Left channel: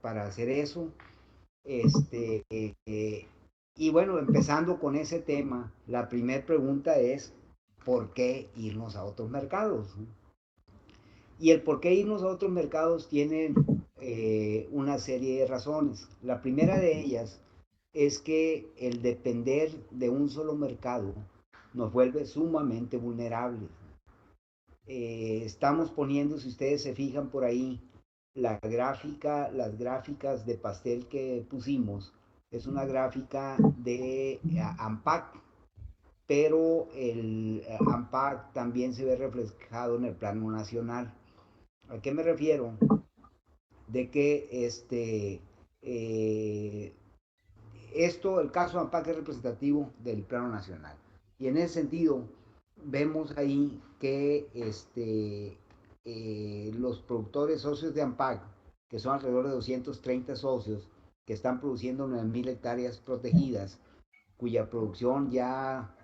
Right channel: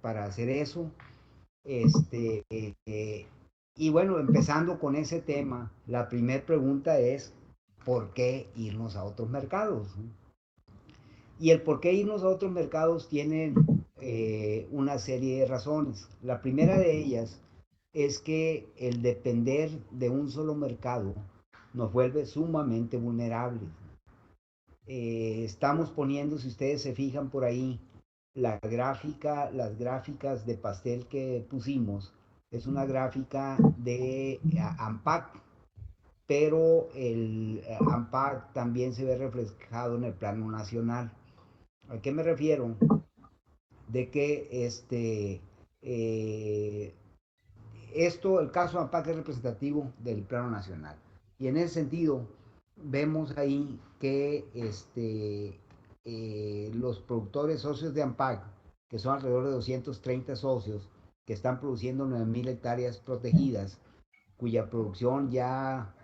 para hacer eso. Este, y bueno, empezando con ese tema, la primera pregunta es, ¿por qué irnos a otros mercados? Y el por qué irnos a otros mercados tiene una serie de razones. La primera de ellas es que el depender de un solo mercado nos vuelve sumamente vulnerables. Estamos poniendo, si ustedes se fijan por ahí, las gráficas de pastel que pusimos, es una gráfica de AMPAC, pero el AMPAC también se ve reflejado en el plano nacional. ¿A qué me refiero? De que eh, el caso de AMPAC es representativo del plano nacional. Y en ese sentido, vemos ahí que los productores socios de AMPAC, que son alrededor de 230 socios, que están produciendo 9.000 hectáreas protegidas, cuya producción ya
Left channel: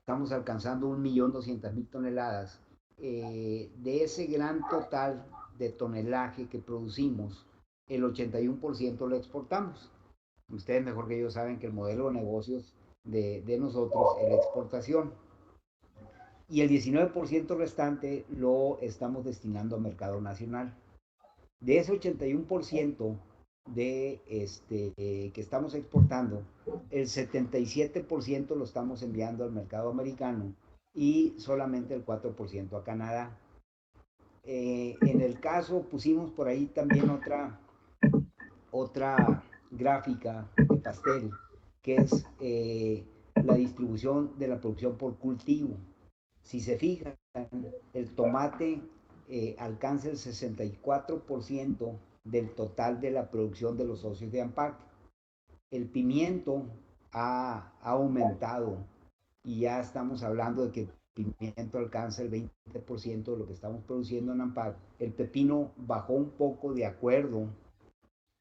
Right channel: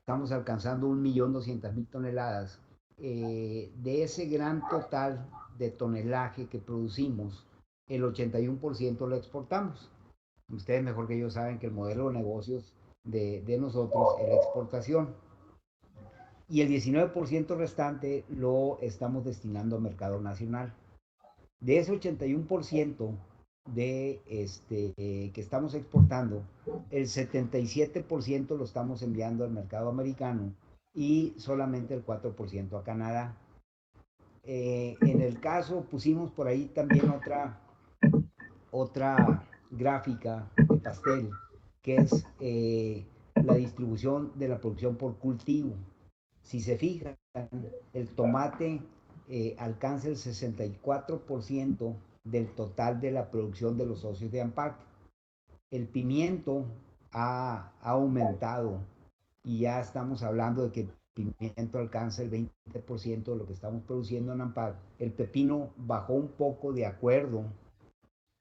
estamos alcanzando 1.200.000 toneladas. De ese gran total de tonelaje que producimos, el 81% lo exportamos. Ustedes mejor que yo saben que el modelo de negocios de nosotros es la exportación. Y el 19% restante lo estamos destinando al mercado nacional. De ese 81% que estamos exportando, el 77% lo estamos enviando al mercado americano y solamente el 4% a Canadá. En el caso, pusimos por ahí también otra gráfica de pastel, que es la distribución de la producción por cultivo. Si se fijan, el tomate alcanza el 64% del total de la producción de los socios de AMPAC. El pimiento ha aumentado y ya estamos hablando de que el pimiento alcanza el 20% de lo que estamos produciendo en AMPAC. El pepino bajó un poco de acuerdo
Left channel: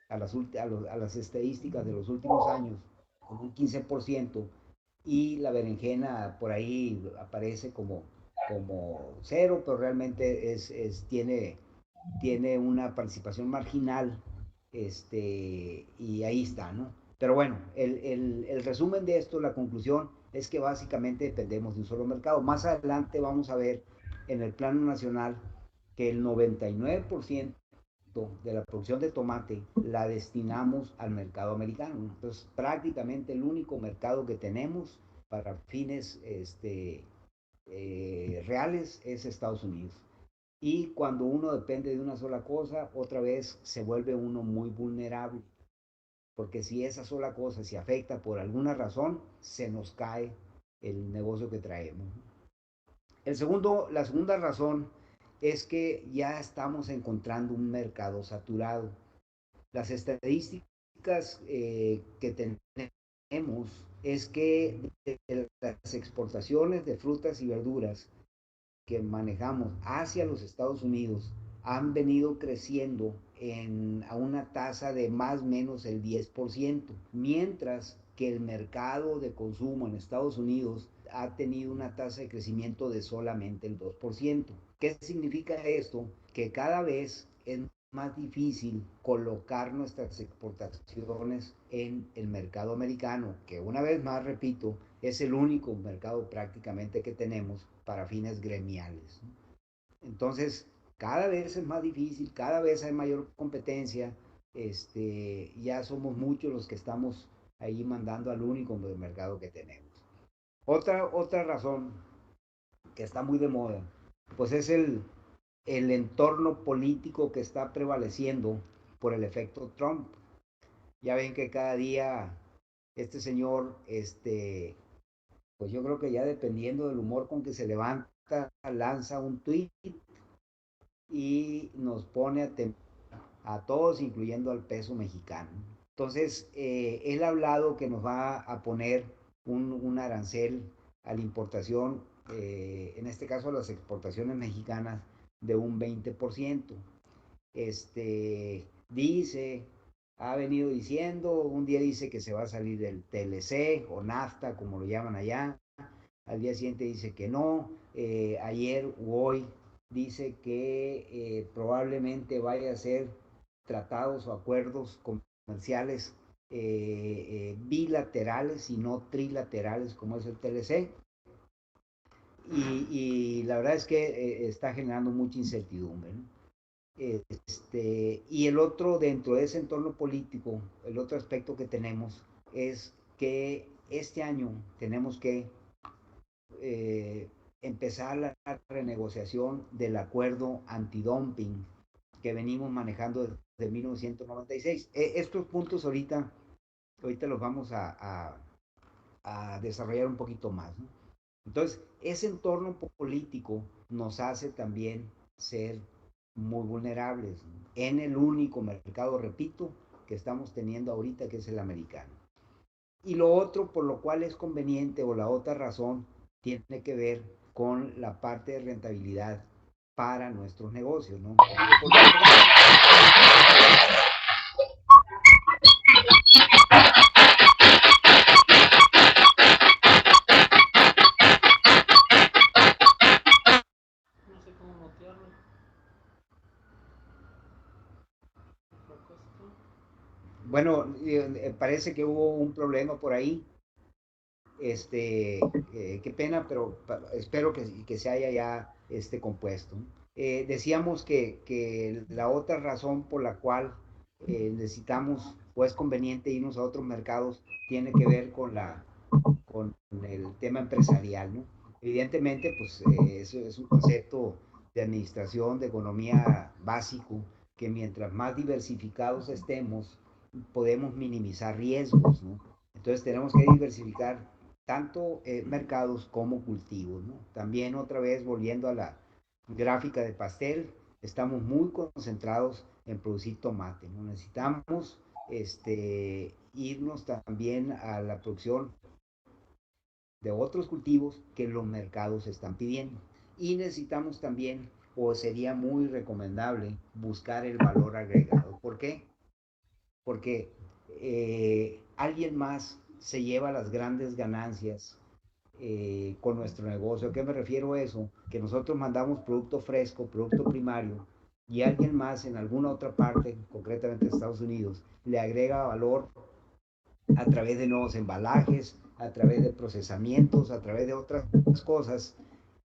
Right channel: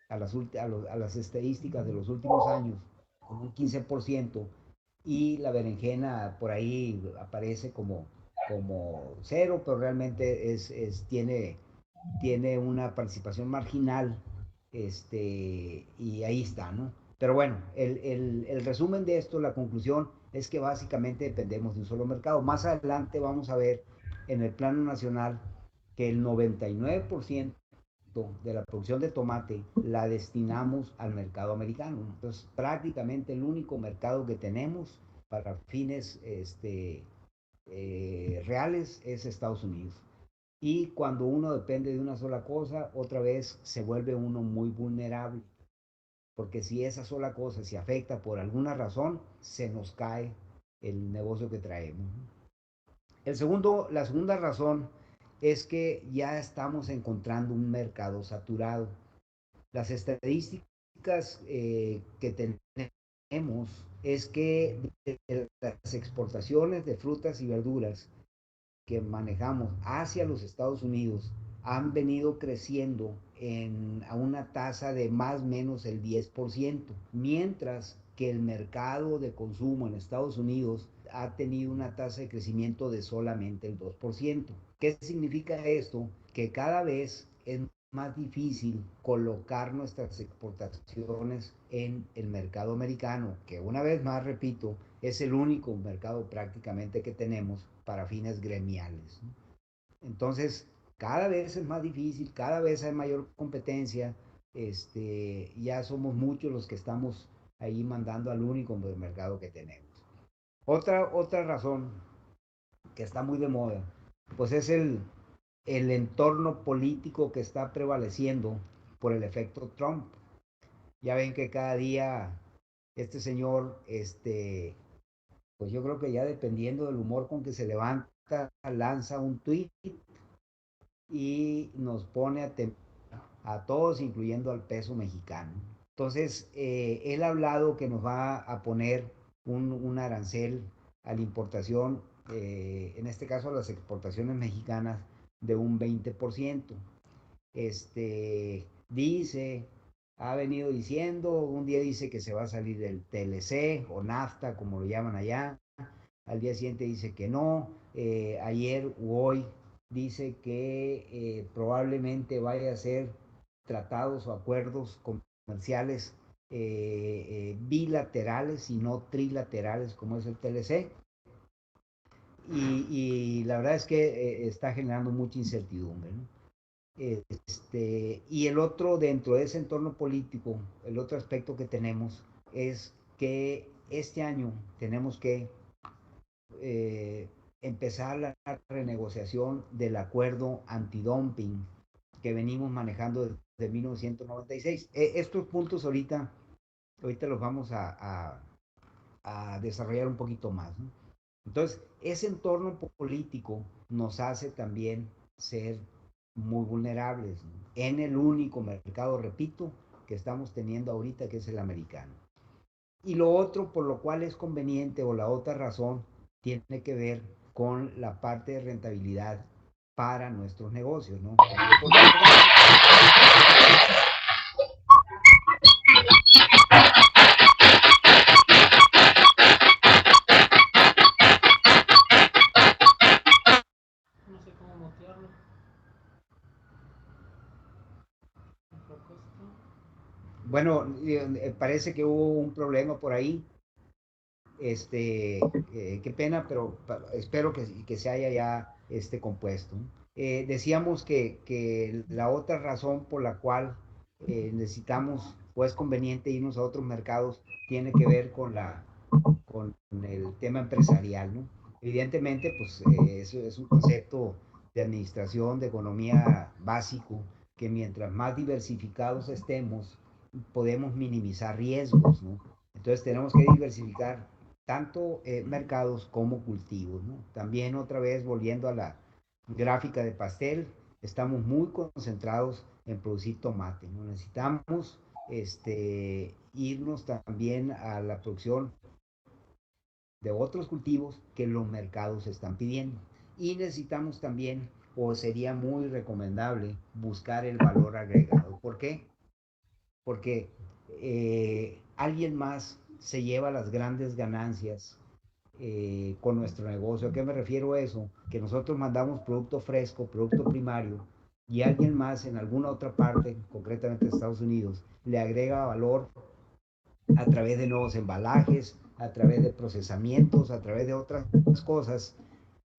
a las estadísticas de los últimos años, con un 15%, y la berenjena por ahí aparece como cero, pero realmente tiene una participación marginal, y ahí está, ¿no? Pero bueno, el resumen de esto, la conclusión, es que básicamente dependemos de un solo mercado. Más adelante vamos a ver en el plano nacional que el 99% de la producción de tomate la destinamos al mercado americano. Entonces, prácticamente el único mercado que tenemos para fines reales es Estados Unidos. Y cuando uno depende de una sola cosa, otra vez se vuelve uno muy vulnerable, porque si esa sola cosa se afecta por alguna razón, se nos cae el negocio que traemos. La segunda razón es que ya estamos encontrando un mercado saturado. Las estadísticas que tenemos es que de las exportaciones de frutas y verduras que manejamos hacia los Estados Unidos han venido creciendo a una tasa de más o menos el 10%, mientras que el mercado de consumo en Estados Unidos ha tenido una tasa de crecimiento de solamente el 2%. ¿Qué significa esto? Que cada vez es más difícil colocar nuestras exportaciones en el mercado americano, que una vez más, repito, es el único mercado prácticamente que tenemos para fines gremiales. Entonces, cada vez es más difícil, cada vez hay mayor competencia, ya somos muchos los que estamos ahí mandando al único mercado que tenemos. Otra razón que está muy de moda, pues es el entorno político que está prevaleciendo por el efecto Trump. Ya ven que cada día este señor, pues yo creo que ya dependiendo del humor con que se levanta, lanza un tweet y nos pone a todos, incluyendo al peso mexicano. Entonces, él ha hablado que nos va a poner un arancel a la importación, en este caso a las exportaciones mexicanas, de un 20%. Dice, ha venido diciendo, un día dice que se va a salir del TLC o NAFTA, como lo llaman allá, al día siguiente dice que no, ayer u hoy dice que probablemente vaya a ser tratados o acuerdos comerciales bilaterales y no trilaterales como es el TLC. Y la verdad es que está generando mucha incertidumbre, ¿no? Y el otro, dentro de ese entorno político, el otro aspecto que tenemos es que este año tenemos que eh, empezar la renegociación del acuerdo antidumping que venimos manejando desde 1996. Estos puntos ahorita los vamos a desarrollar un poquito más, ¿no? Entonces, ese entorno político nos hace también ser muy vulnerables en el único mercado, repito, que estamos teniendo ahorita, que es el americano. Y lo otro por lo cual es conveniente, o la otra razón, tiene que ver con la parte de rentabilidad para nuestros negocios, ¿no? Porque No sé cómo mutearlo. bueno, parece que hubo un problema por ahí. Qué pena, pero espero que se haya ya compuesto. Decíamos que la otra razón por la cual necesitamos o es conveniente irnos a otros mercados tiene que ver con el tema empresarial, ¿no? Evidentemente, pues eso es un concepto de administración, de economía básico, que mientras más diversificados estemos, podemos minimizar riesgos, ¿no? Entonces tenemos que diversificar tanto mercados como cultivos, ¿no? También otra vez volviendo a la gráfica de pastel, estamos muy concentrados en producir tomate, ¿no? Necesitamos irnos también a la producción de otros cultivos que los mercados están pidiendo. Y necesitamos también, o sería muy recomendable, buscar el valor agregado. ¿Por qué? Porque alguien más se lleva las grandes ganancias con nuestro negocio. ¿A qué me refiero a eso? Que nosotros mandamos producto fresco, producto primario, y alguien más en alguna otra parte, concretamente Estados Unidos, le agrega valor a través de nuevos embalajes, a través de procesamientos, a través de otras cosas,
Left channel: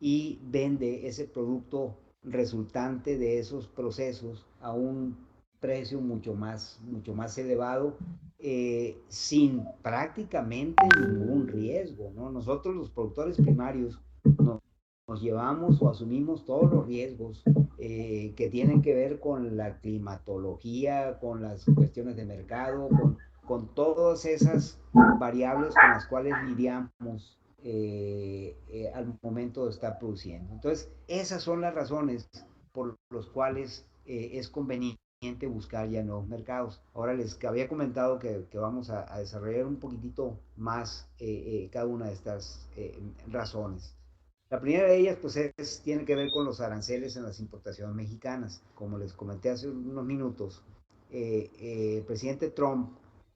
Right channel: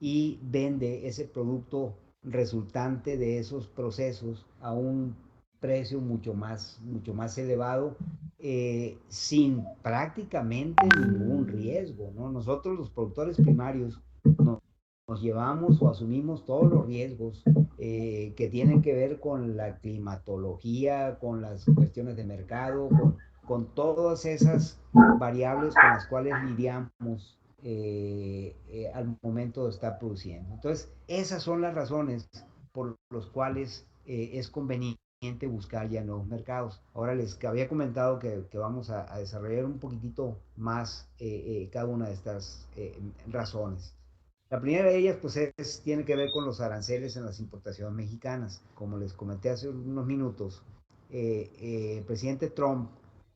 y vende ese producto resultante de esos procesos a un precio mucho más elevado, sin prácticamente ningún riesgo, ¿no? Nosotros los productores primarios nos llevamos o asumimos todos los riesgos que tienen que ver con la climatología, con las cuestiones de mercado, con todas esas variables con las cuales lidiamos al momento de estar produciendo. Entonces, esas son las razones por las cuales es conveniente buscar ya nuevos mercados. Ahora les había comentado que vamos a desarrollar un poquitito más cada una de estas razones. La primera de ellas pues tiene que ver con los aranceles en las importaciones mexicanas. Como les comenté hace unos minutos, el presidente Trump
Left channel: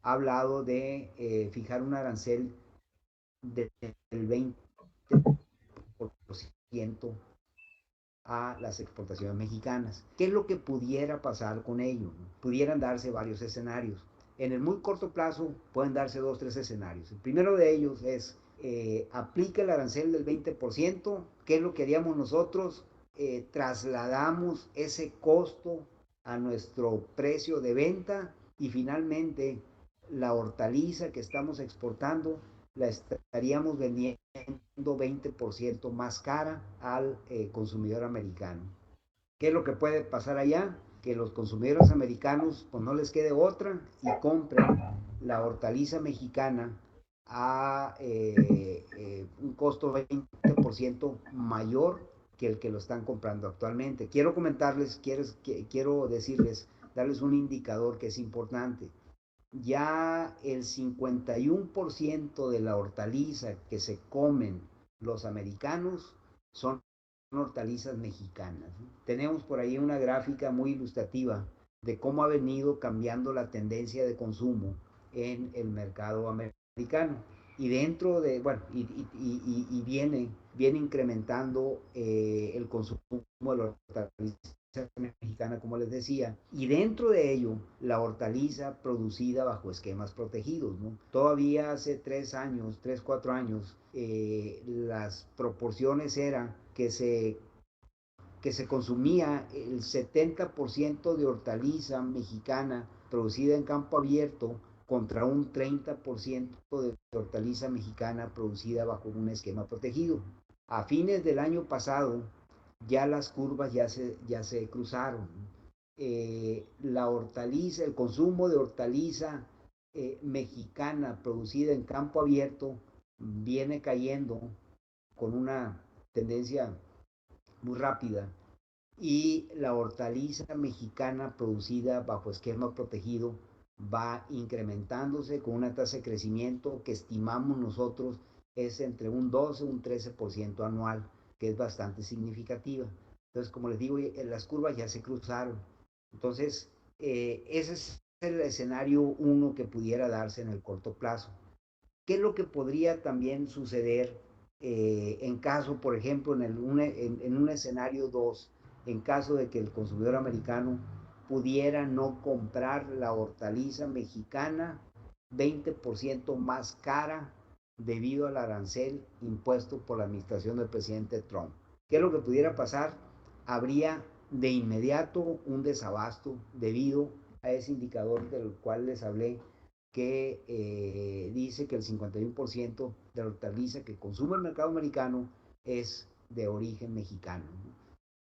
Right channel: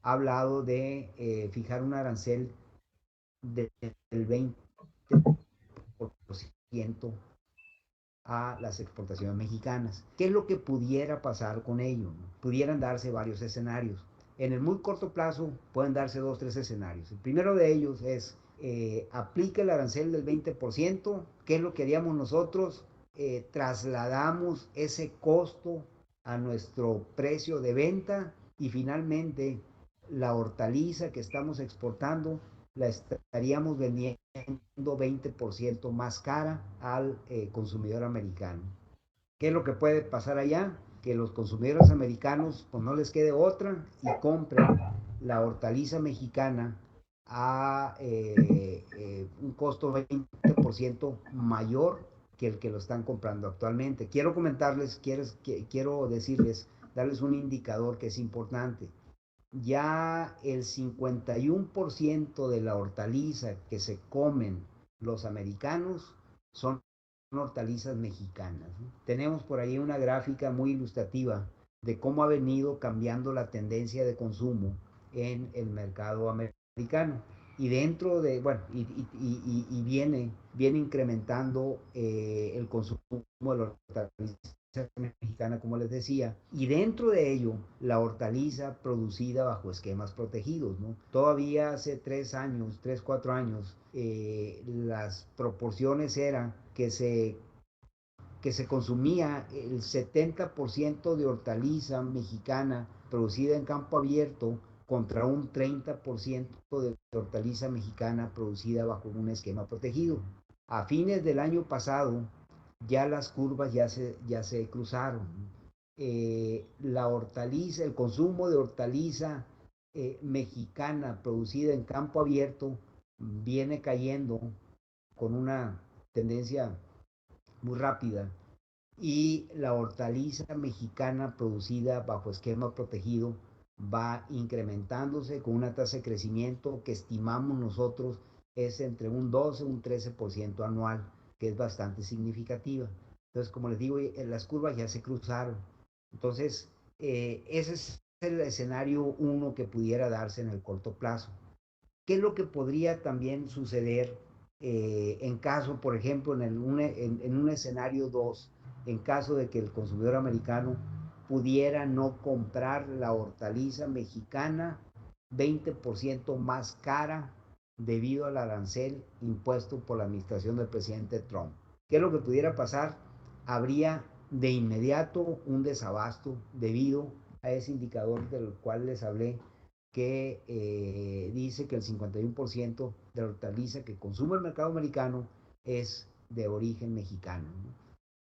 ha hablado de fijar un arancel del 20% a las exportaciones mexicanas. ¿Qué es lo que pudiera pasar con ello? Pudieran darse varios escenarios. En el muy corto plazo pueden darse dos, tres escenarios. El primero de ellos es aplica el arancel del 20%. ¿Qué es lo que haríamos nosotros? Trasladamos ese costo a nuestro precio de venta y finalmente la hortaliza que estamos exportando la estaríamos vendiendo 20% más cara al consumidor americano. ¿Qué es lo que puede pasar allá? Que los consumidores americanos pues no les quede otra y compren la hortaliza mexicana a un costo 20% mayor que el que lo están comprando actualmente. Quiero comentarles, quiero decirles, darles un indicador que es importante. Ya el 51% de la hortaliza que se comen los americanos son hortalizas mexicanas, ¿no? Tenemos por ahí una gráfica muy ilustrativa de cómo ha venido cambiando la tendencia de consumo en el mercado americano. Y dentro de, bueno, y viene incrementando el consumo de la hortaliza mexicana, como les decía, y dentro de ello la hortaliza producida bajo esquemas protegidos, ¿no? Todavía hace 3 años, 4 años, las proporciones eran que se consumía el 70% de hortaliza mexicana producida en campo abierto contra un 30% de hortaliza mexicana producida bajo un esquema protegido. A fines del año pasado, ya las curvas ya se cruzaron. La hortaliza, el consumo de hortaliza mexicana producida en campo abierto viene cayendo con una tendencia muy rápida, y la hortaliza mexicana producida bajo esquema protegido va incrementándose con una tasa de crecimiento que estimamos nosotros es entre un 12 y un 13% anual, que es bastante significativa. Entonces, como les digo, las curvas ya se cruzaron. Entonces, ese es el escenario uno que pudiera darse en el corto plazo. ¿Qué es lo que podría también suceder en caso, por ejemplo, en un escenario 2, en caso de que el consumidor americano pudiera no comprar la hortaliza mexicana 20% más cara debido al arancel impuesto por la administración del presidente Trump? ¿Qué es lo que pudiera pasar? Habría de inmediato un desabasto debido a ese indicador del cual les hablé, que dice que el 51% de la hortaliza que consume el mercado americano es de origen mexicano, ¿no?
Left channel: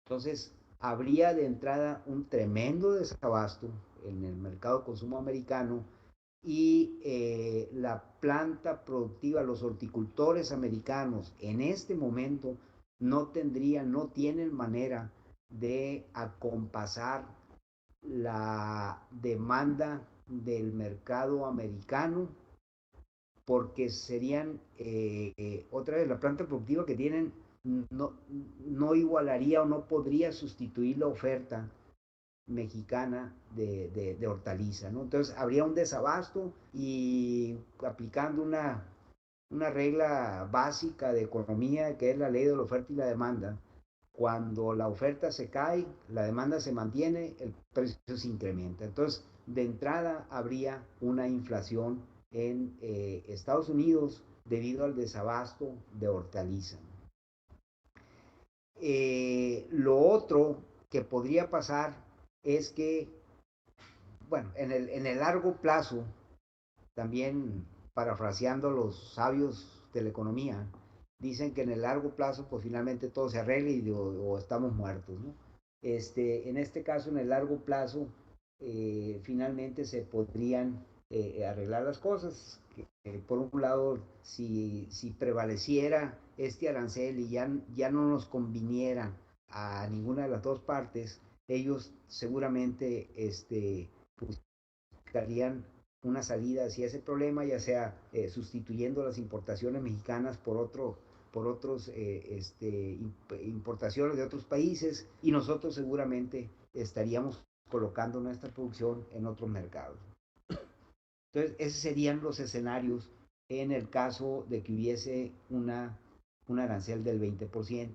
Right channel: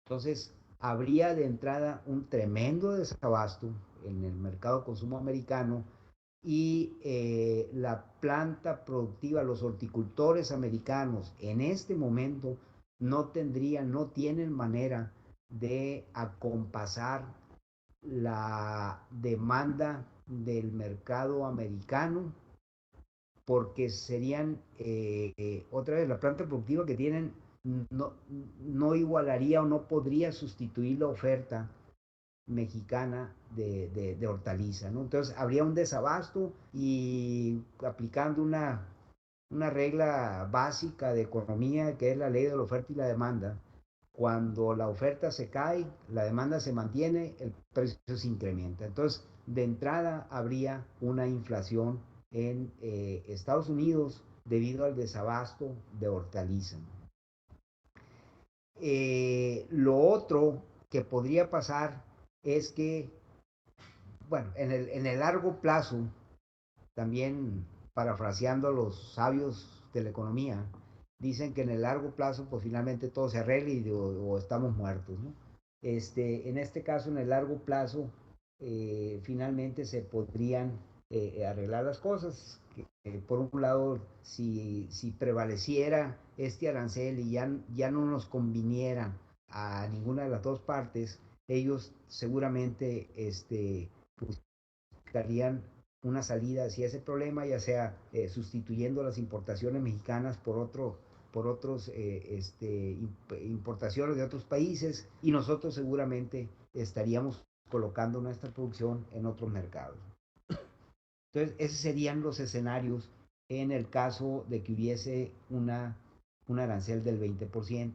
Entonces, habría de entrada un tremendo desabasto en el mercado de consumo americano, y la planta productiva, los horticultores americanos en este momento no tienen manera de acompasar la demanda del mercado americano, porque serían, otra vez, la planta productiva que tienen no, no igualaría o no podría sustituir la oferta mexicana de hortaliza, ¿no? Entonces habría un desabasto, y aplicando una regla básica de economía, que es la ley de la oferta y la demanda, cuando la oferta se cae, la demanda se mantiene, el precio se incrementa. Entonces, de entrada habría una inflación en Estados Unidos debido al desabasto de hortaliza. Lo otro que podría pasar es que, bueno, en el largo plazo, también parafraseando a los sabios de la economía, dicen que en el largo plazo, pues finalmente todo se arregle o estamos muertos, ¿no? En este caso, en el largo plazo, finalmente se podrían arreglar las cosas. Por un lado, si prevaleciera este arancel y ya no nos conviniera a ninguna de las dos partes, ellos seguramente buscarían una salida hacia ese problema, ya sea sustituyendo las importaciones mexicanas por otros importaciones de otros países, y nosotros seguramente estaríamos colocando nuestra producción en otros mercados. Entonces, esos serían los escenarios en el caso de que hubiese un arancel del 20%.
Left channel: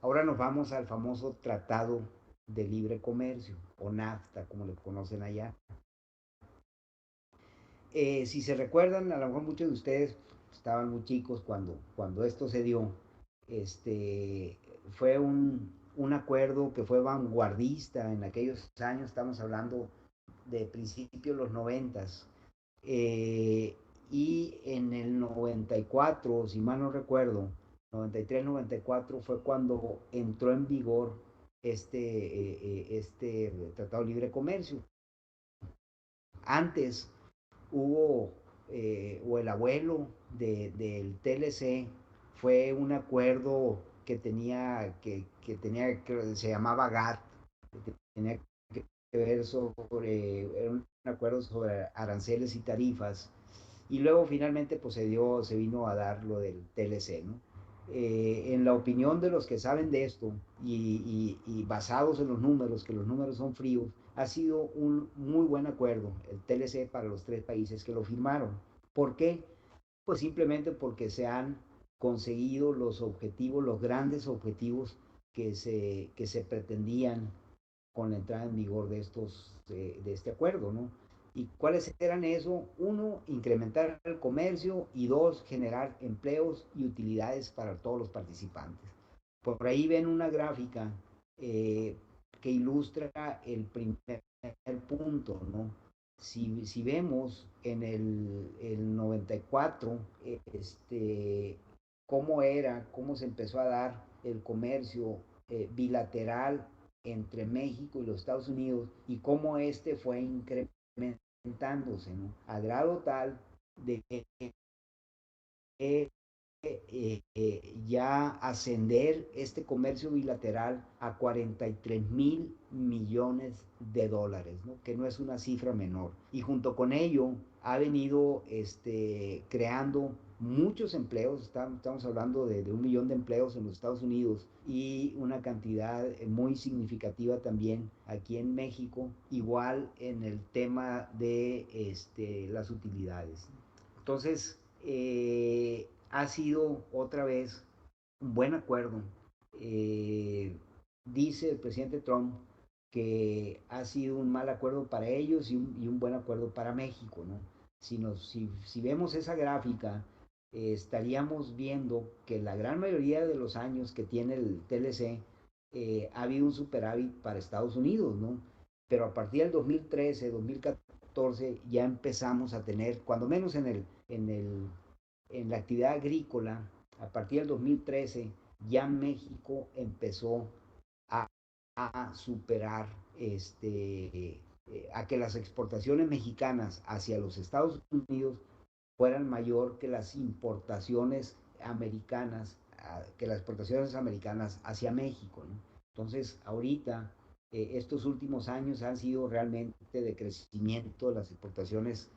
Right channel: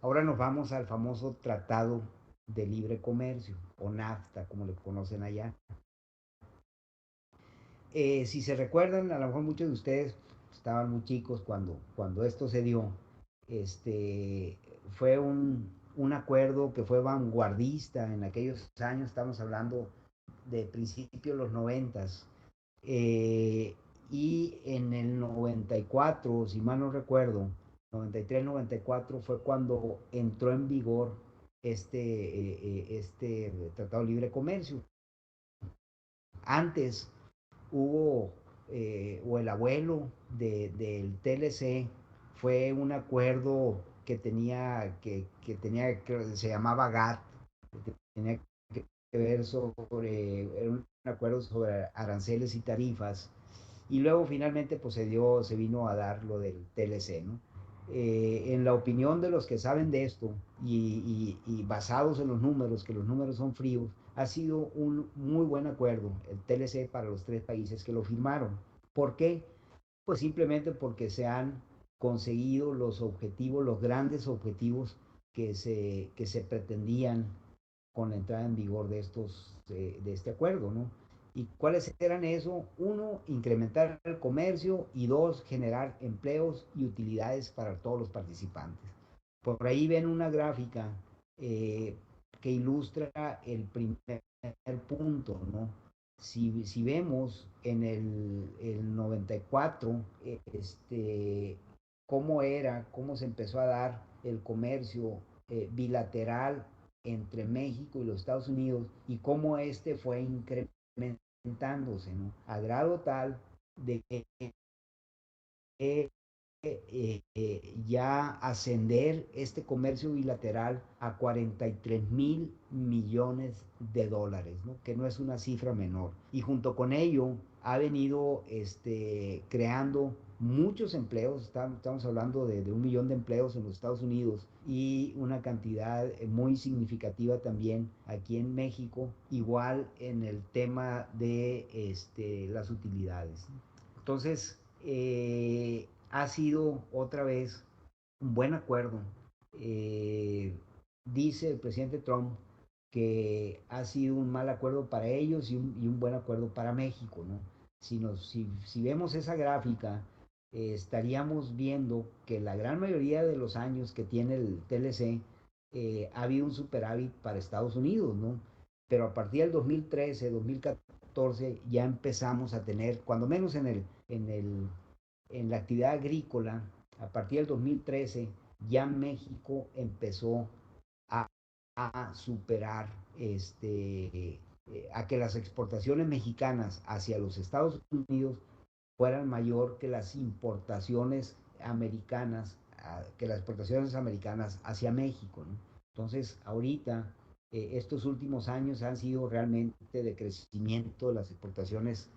Ahora nos vamos al famoso Tratado de Libre Comercio, o NAFTA, como lo conocen allá. Si se recuerdan, a lo mejor muchos de ustedes estaban muy chicos cuando esto se dio. Fue un acuerdo que fue vanguardista en aquellos años, estamos hablando de principios de los 90. Y en el 94, si mal no recuerdo, 93, 94 fue cuando entró en vigor este Tratado de Libre Comercio. Antes hubo, o el abuelo del TLC, fue un acuerdo que se llamaba GATT, que tenía que ver sobre un acuerdo sobre aranceles y tarifas, y luego finalmente pues se vino a dar lo del TLC, ¿no? En la opinión de los que saben de esto, y basados en los números, que los números son fríos, ha sido un muy buen acuerdo el TLC para los tres países que lo firmaron. ¿Por qué? Pues simplemente porque se han conseguido los objetivos, los grandes objetivos que se pretendían con la entrada en vigor de este acuerdo, ¿no? ¿Y cuáles eran eso? Uno, incrementar el comercio y dos, generar empleos y utilidades para todos los participantes. Por ahí ven una gráfica eh, que ilustra el primer punto, ¿no? Si vemos en el 94, cómo se empezó a dar el comercio bilateral entre México y los Estados Unidos y cómo este fue incrementándose, ¿no? A grado tal de que ya ascender este comercio bilateral a 43.000 millones de dólares, ¿no? Que no es una cifra menor. Y junto con ello ha venido creando muchos empleos, estamos hablando de 1 millón de empleos en los Estados Unidos y una cantidad muy significativa también aquí en México, igual en el tema de las utilidades. Entonces, ha sido otra vez un buen acuerdo. Dice el presidente Trump que ha sido un mal acuerdo para ellos y un buen acuerdo para México, ¿no? Si vemos esa gráfica, estaríamos viendo que la gran mayoría de los años que tiene el TLC ha habido un superávit para Estados Unidos, ¿no? Pero a partir del 2013, 2014 ya empezamos a tener, cuando menos en la actividad agrícola, a partir del 2013 ya México empezó a, a superar a que las exportaciones mexicanas hacia los Estados Unidos fueran mayor que las importaciones americanas, que las exportaciones americanas hacia México, ¿no? Entonces, ahorita, estos últimos años han sido realmente de crecimiento las exportaciones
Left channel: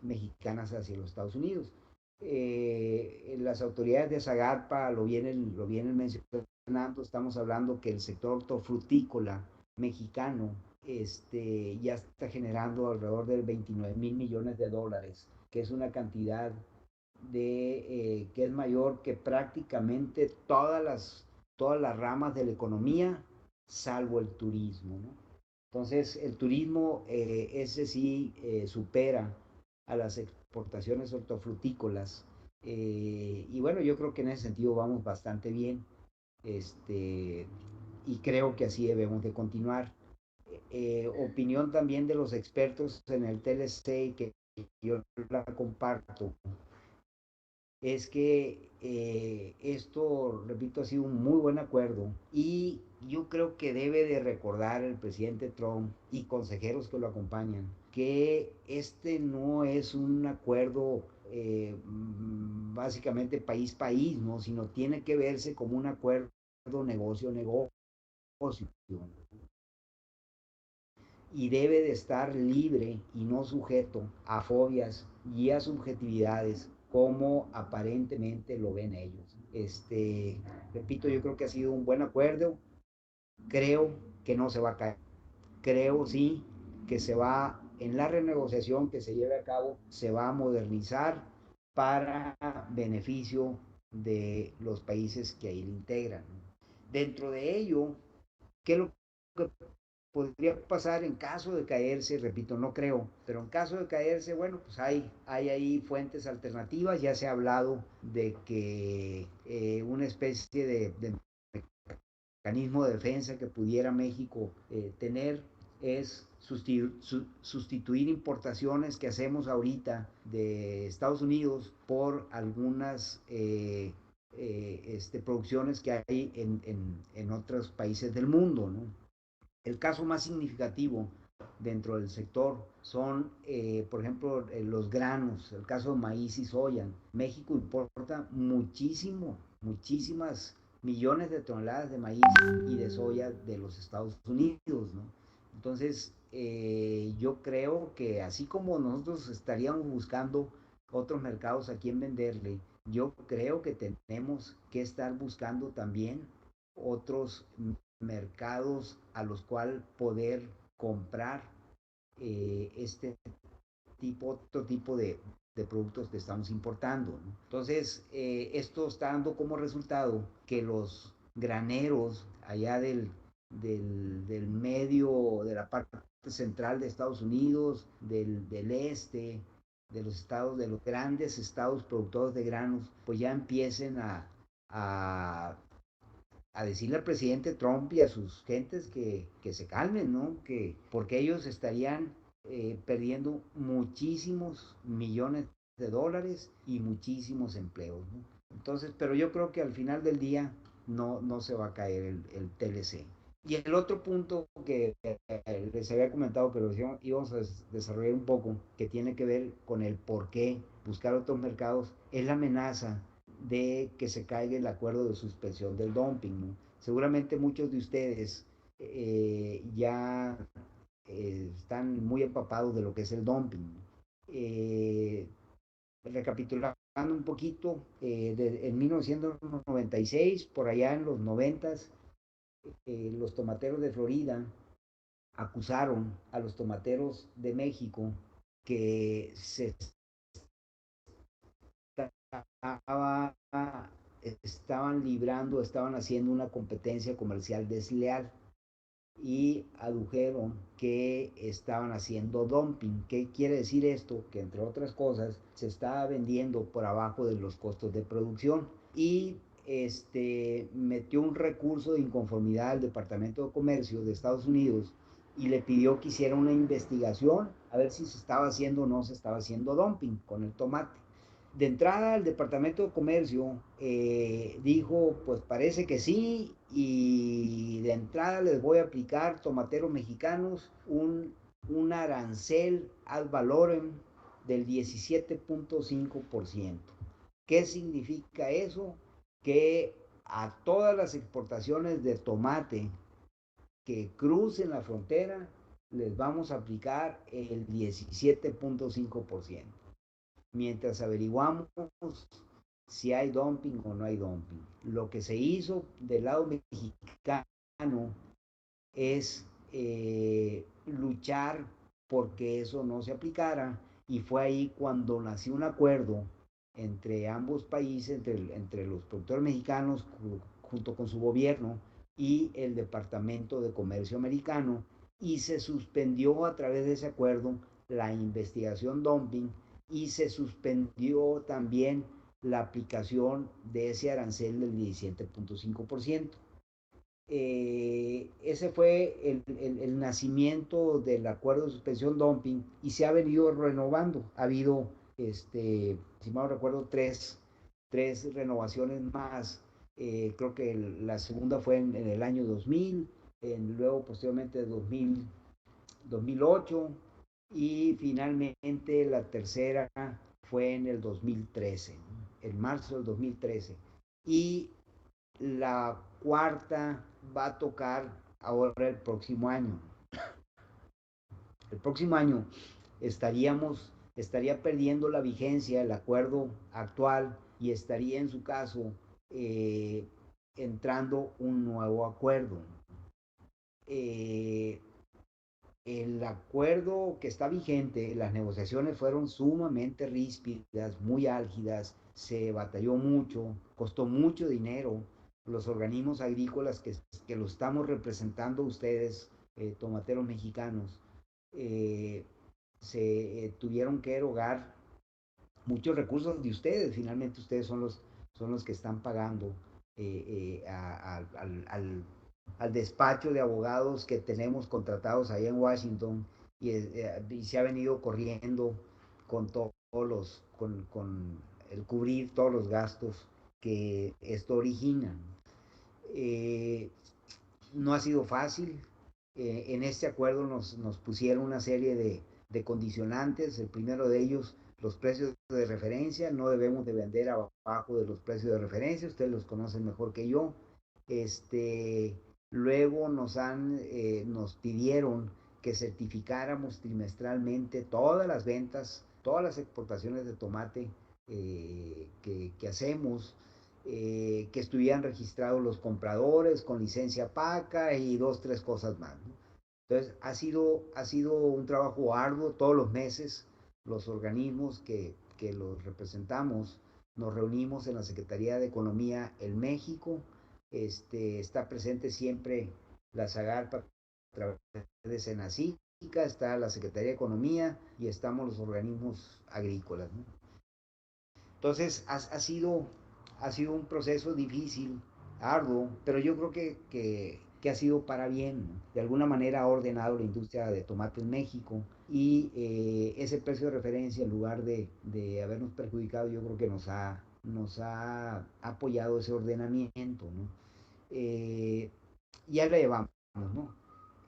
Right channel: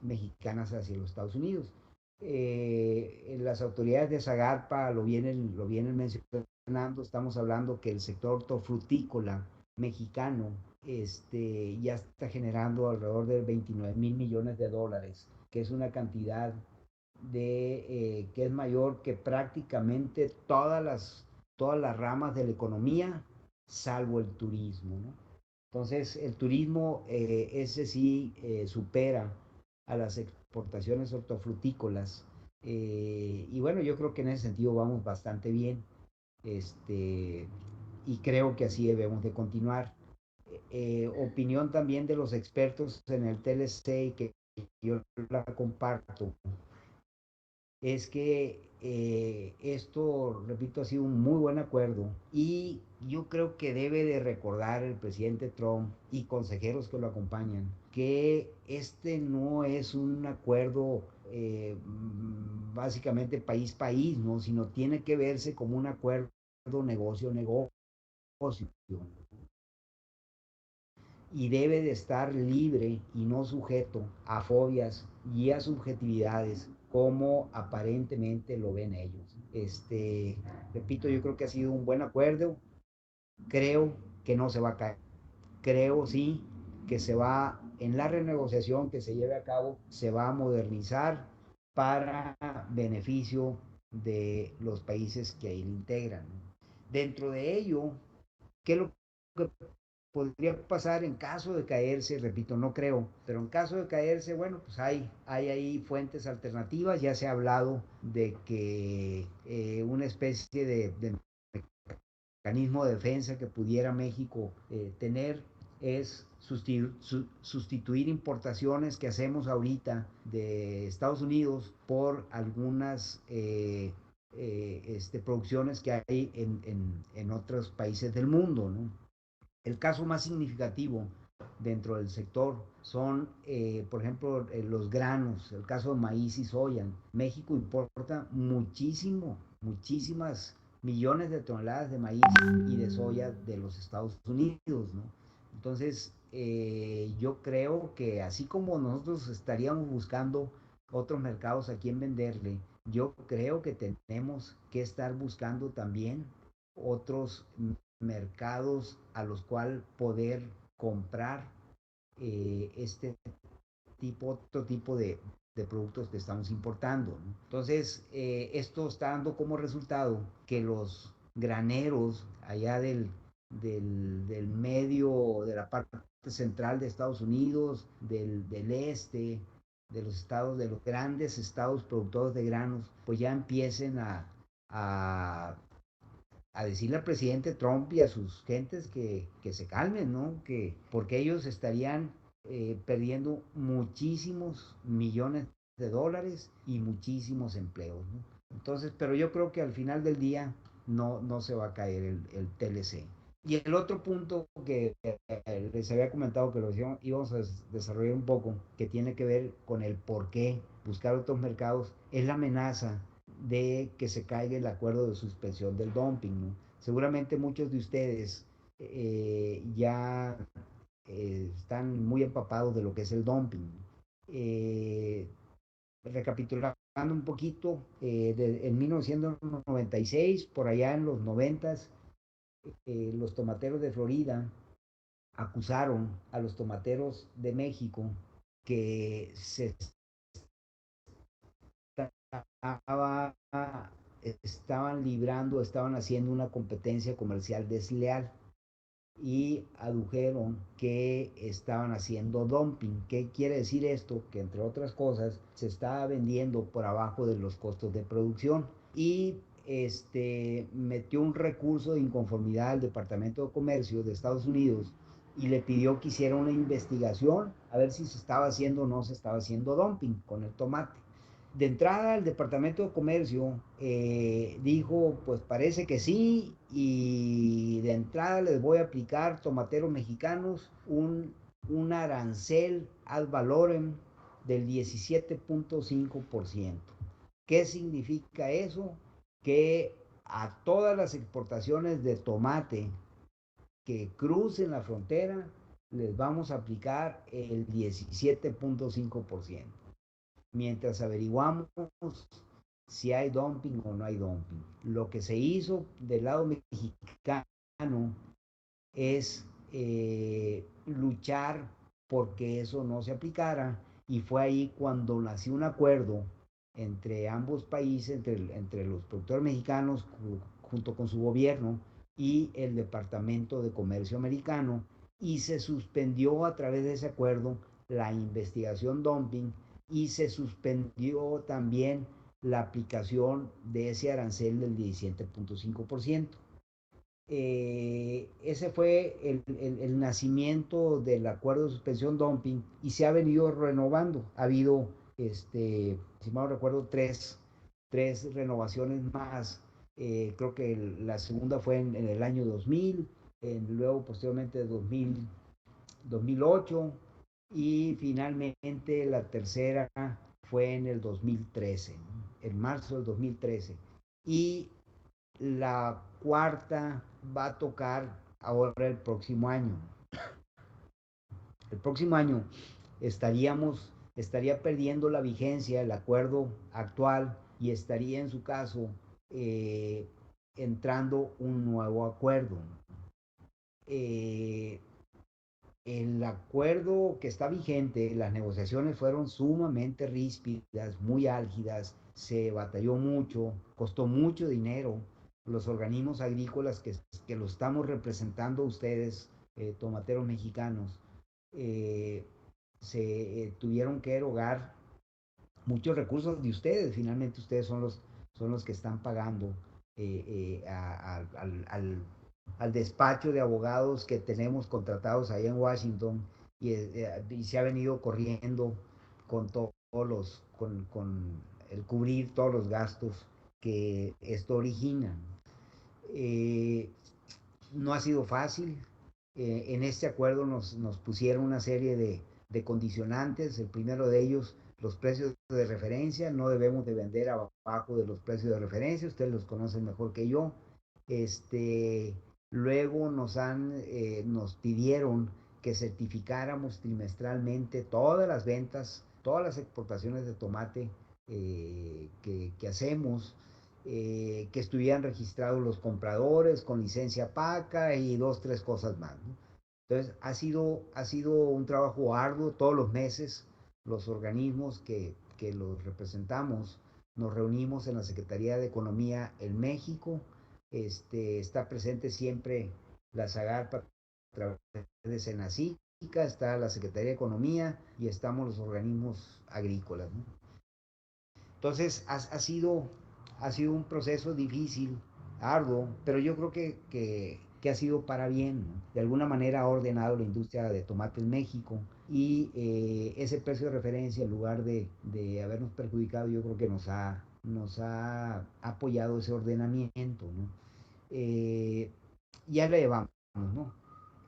mexicanas hacia los Estados Unidos. Las autoridades de Zagarpa lo vienen mencionando, estamos hablando que el sector hortofrutícola mexicano ya está generando alrededor de 29.000 millones de dólares, que es una cantidad que es mayor que prácticamente todas las ramas de la economía, salvo el turismo, ¿no? Entonces, el turismo, ese sí supera a las exportaciones hortofrutícolas. Y bueno, yo creo que en ese sentido vamos bastante bien. Este, y creo que así debemos de continuar. Opinión también de los expertos en el TLC que yo la comparto, es que esto, repito, ha sido un muy buen acuerdo y yo creo que debe de recordar el presidente Trump y consejeros que lo acompañan que este no es un acuerdo básicamente país, ¿no? Sino tiene que verse como un acuerdo negocio y debe de estar libre y no sujeto a fobias y a subjetividades como aparentemente lo ven ellos. Repito, yo creo que ha sido un buen acuerdo, creo que no se va a caer, creo sí que se va, en la renegociación que se lleve a cabo, se va a modernizar para beneficio de los países que ahí lo integran. Dentro de ello, ¿qué es lo que podría pasar en caso de caerse? Repito, no creo, pero en caso de caerse, bueno, pues hay ahí fuentes alternativas. Ya se ha hablado de que una especie de mecanismo de defensa que pudiera México tener es sustituir importaciones que hacemos ahorita de Estados Unidos por algunas producciones que hay en otros países del mundo, ¿no? El caso más significativo dentro del sector son, por ejemplo, los granos, el caso de maíz y soya. México importa muchísimas millones de toneladas de maíz y de soya de los Estados Unidos, ¿no? Entonces, yo creo que así como nosotros estaríamos buscando otros mercados a quien venderle, yo creo que tenemos que estar buscando también otros mercados a los cuales poder comprar otro tipo de productos que estamos importando, ¿no? Entonces, esto está dando como resultado que los graneros allá del medio, de la parte central de Estados Unidos, del este, de los estados, de los grandes estados productores de granos, pues ya empiecen a, a decirle al presidente Trump y a sus gentes que se calmen, ¿no? Porque ellos estarían perdiendo muchísimos millones de dólares y muchísimos empleos, ¿no? Entonces, pero yo creo que al final del día no se va a caer el TLC. Y el otro punto que les había comentado que lo íbamos a desarrollar un poco, que tiene que ver con el por qué buscar otros mercados, es la amenaza de que se caiga el acuerdo de suspensión del dumping, ¿no? Seguramente muchos de ustedes ya están muy empapados de lo que es el dumping. Eh, Recapitulando un poquito, en 1996, por allá en los 90, los tomateros de Florida acusaron a los tomateros de México que se estaba, estaban librando, estaban haciendo una competencia comercial desleal y adujeron que estaban haciendo dumping. ¿Qué quiere decir esto? Que entre otras cosas se estaba vendiendo por abajo de los costos de producción y metió un recurso de inconformidad al Departamento de Comercio de Estados Unidos y le pidió que hiciera una investigación a ver si se estaba haciendo o no se estaba haciendo dumping con el tomate. De entrada, el Departamento de Comercio dijo, pues parece que sí, y de entrada les voy a aplicar, tomateros mexicanos, un arancel ad valorem del 17.5%. ¿Qué significa eso? Que a todas las exportaciones de tomate que crucen la frontera les vamos a aplicar el 17.5%, mientras averiguamos si hay dumping o no hay dumping. Lo que se hizo del lado mexicano es luchar porque eso no se aplicara, y fue ahí cuando nació un acuerdo entre ambos países, entre los productores mexicanos junto con su gobierno y el Departamento de Comercio americano, y se suspendió a través de ese acuerdo la investigación dumping y se suspendió también la aplicación de ese arancel del 17.5%. Ese fue el nacimiento del acuerdo de suspensión dumping y se ha venido renovando. Ha habido, si mal no recuerdo, tres renovaciones más. Creo que la segunda fue en el año 2000, luego posteriormente 2008 y finalmente la tercera fue en el 2013, ¿no? En marzo del 2013. Y la cuarta va a tocar ahora el próximo año. El próximo año estaría perdiendo la vigencia el acuerdo actual y estaría en su caso eh, entrando un nuevo acuerdo. Eh, el acuerdo que está vigente, las negociaciones fueron sumamente ríspidas, muy álgidas, se batalló mucho, costó mucho dinero. Los organismos agrícolas que lo estamos representando ustedes, tomateros mexicanos, eh, se tuvieron que erogar muchos recursos de ustedes. Finalmente ustedes son los que están pagando al despacho de abogados que tenemos contratados allá en Washington, y se ha venido corriendo con todos con el cubrir todos los gastos que esto origina. Eh, no ha sido fácil. En este acuerdo nos pusieron una serie de condicionantes. El primero de ellos, los precios de referencia. No debemos de vender abajo de los precios de referencia. Ustedes los conocen mejor que yo. Luego nos pidieron que certificáramos trimestralmente todas las ventas, todas las exportaciones de tomate que hacemos, que estuvieran registrados los compradores con licencia PACA y dos, tres cosas más, ¿no? Entonces, ha sido un trabajo arduo todos los meses. Los organismos que los representamos nos reunimos en la Secretaría de Economía en México. Está presente siempre la SAGARPA a través de Senacica, está la Secretaría de Economía y estamos los organismos agrícolas, ¿no? Entonces ha sido un proceso difícil, arduo, pero yo creo que ha sido para bien, ¿no? De alguna manera ha ordenado la industria de tomate en México y ese precio de referencia, en lugar de habernos perjudicado, yo creo que nos ha apoyado ese ordenamiento, ¿no? Eh, ya la llevamos, ¿no?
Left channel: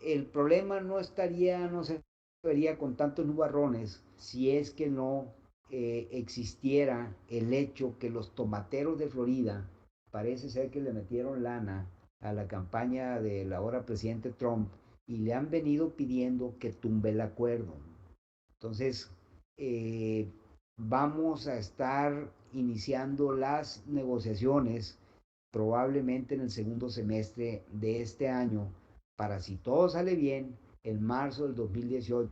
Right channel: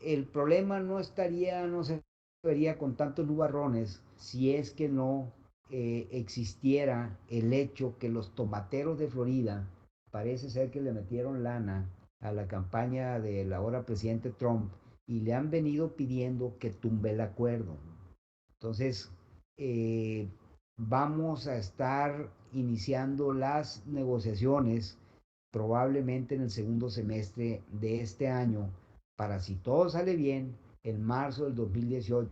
El problema no se vería con tantos nubarrones si es que no existiera el hecho que los tomateros de Florida parece ser que le metieron lana a la campaña del ahora presidente Trump y le han venido pidiendo que tumbe el acuerdo. Entonces, eh, vamos a estar iniciando las negociaciones probablemente en el segundo semestre de este año para, si todo sale bien, en marzo del 2018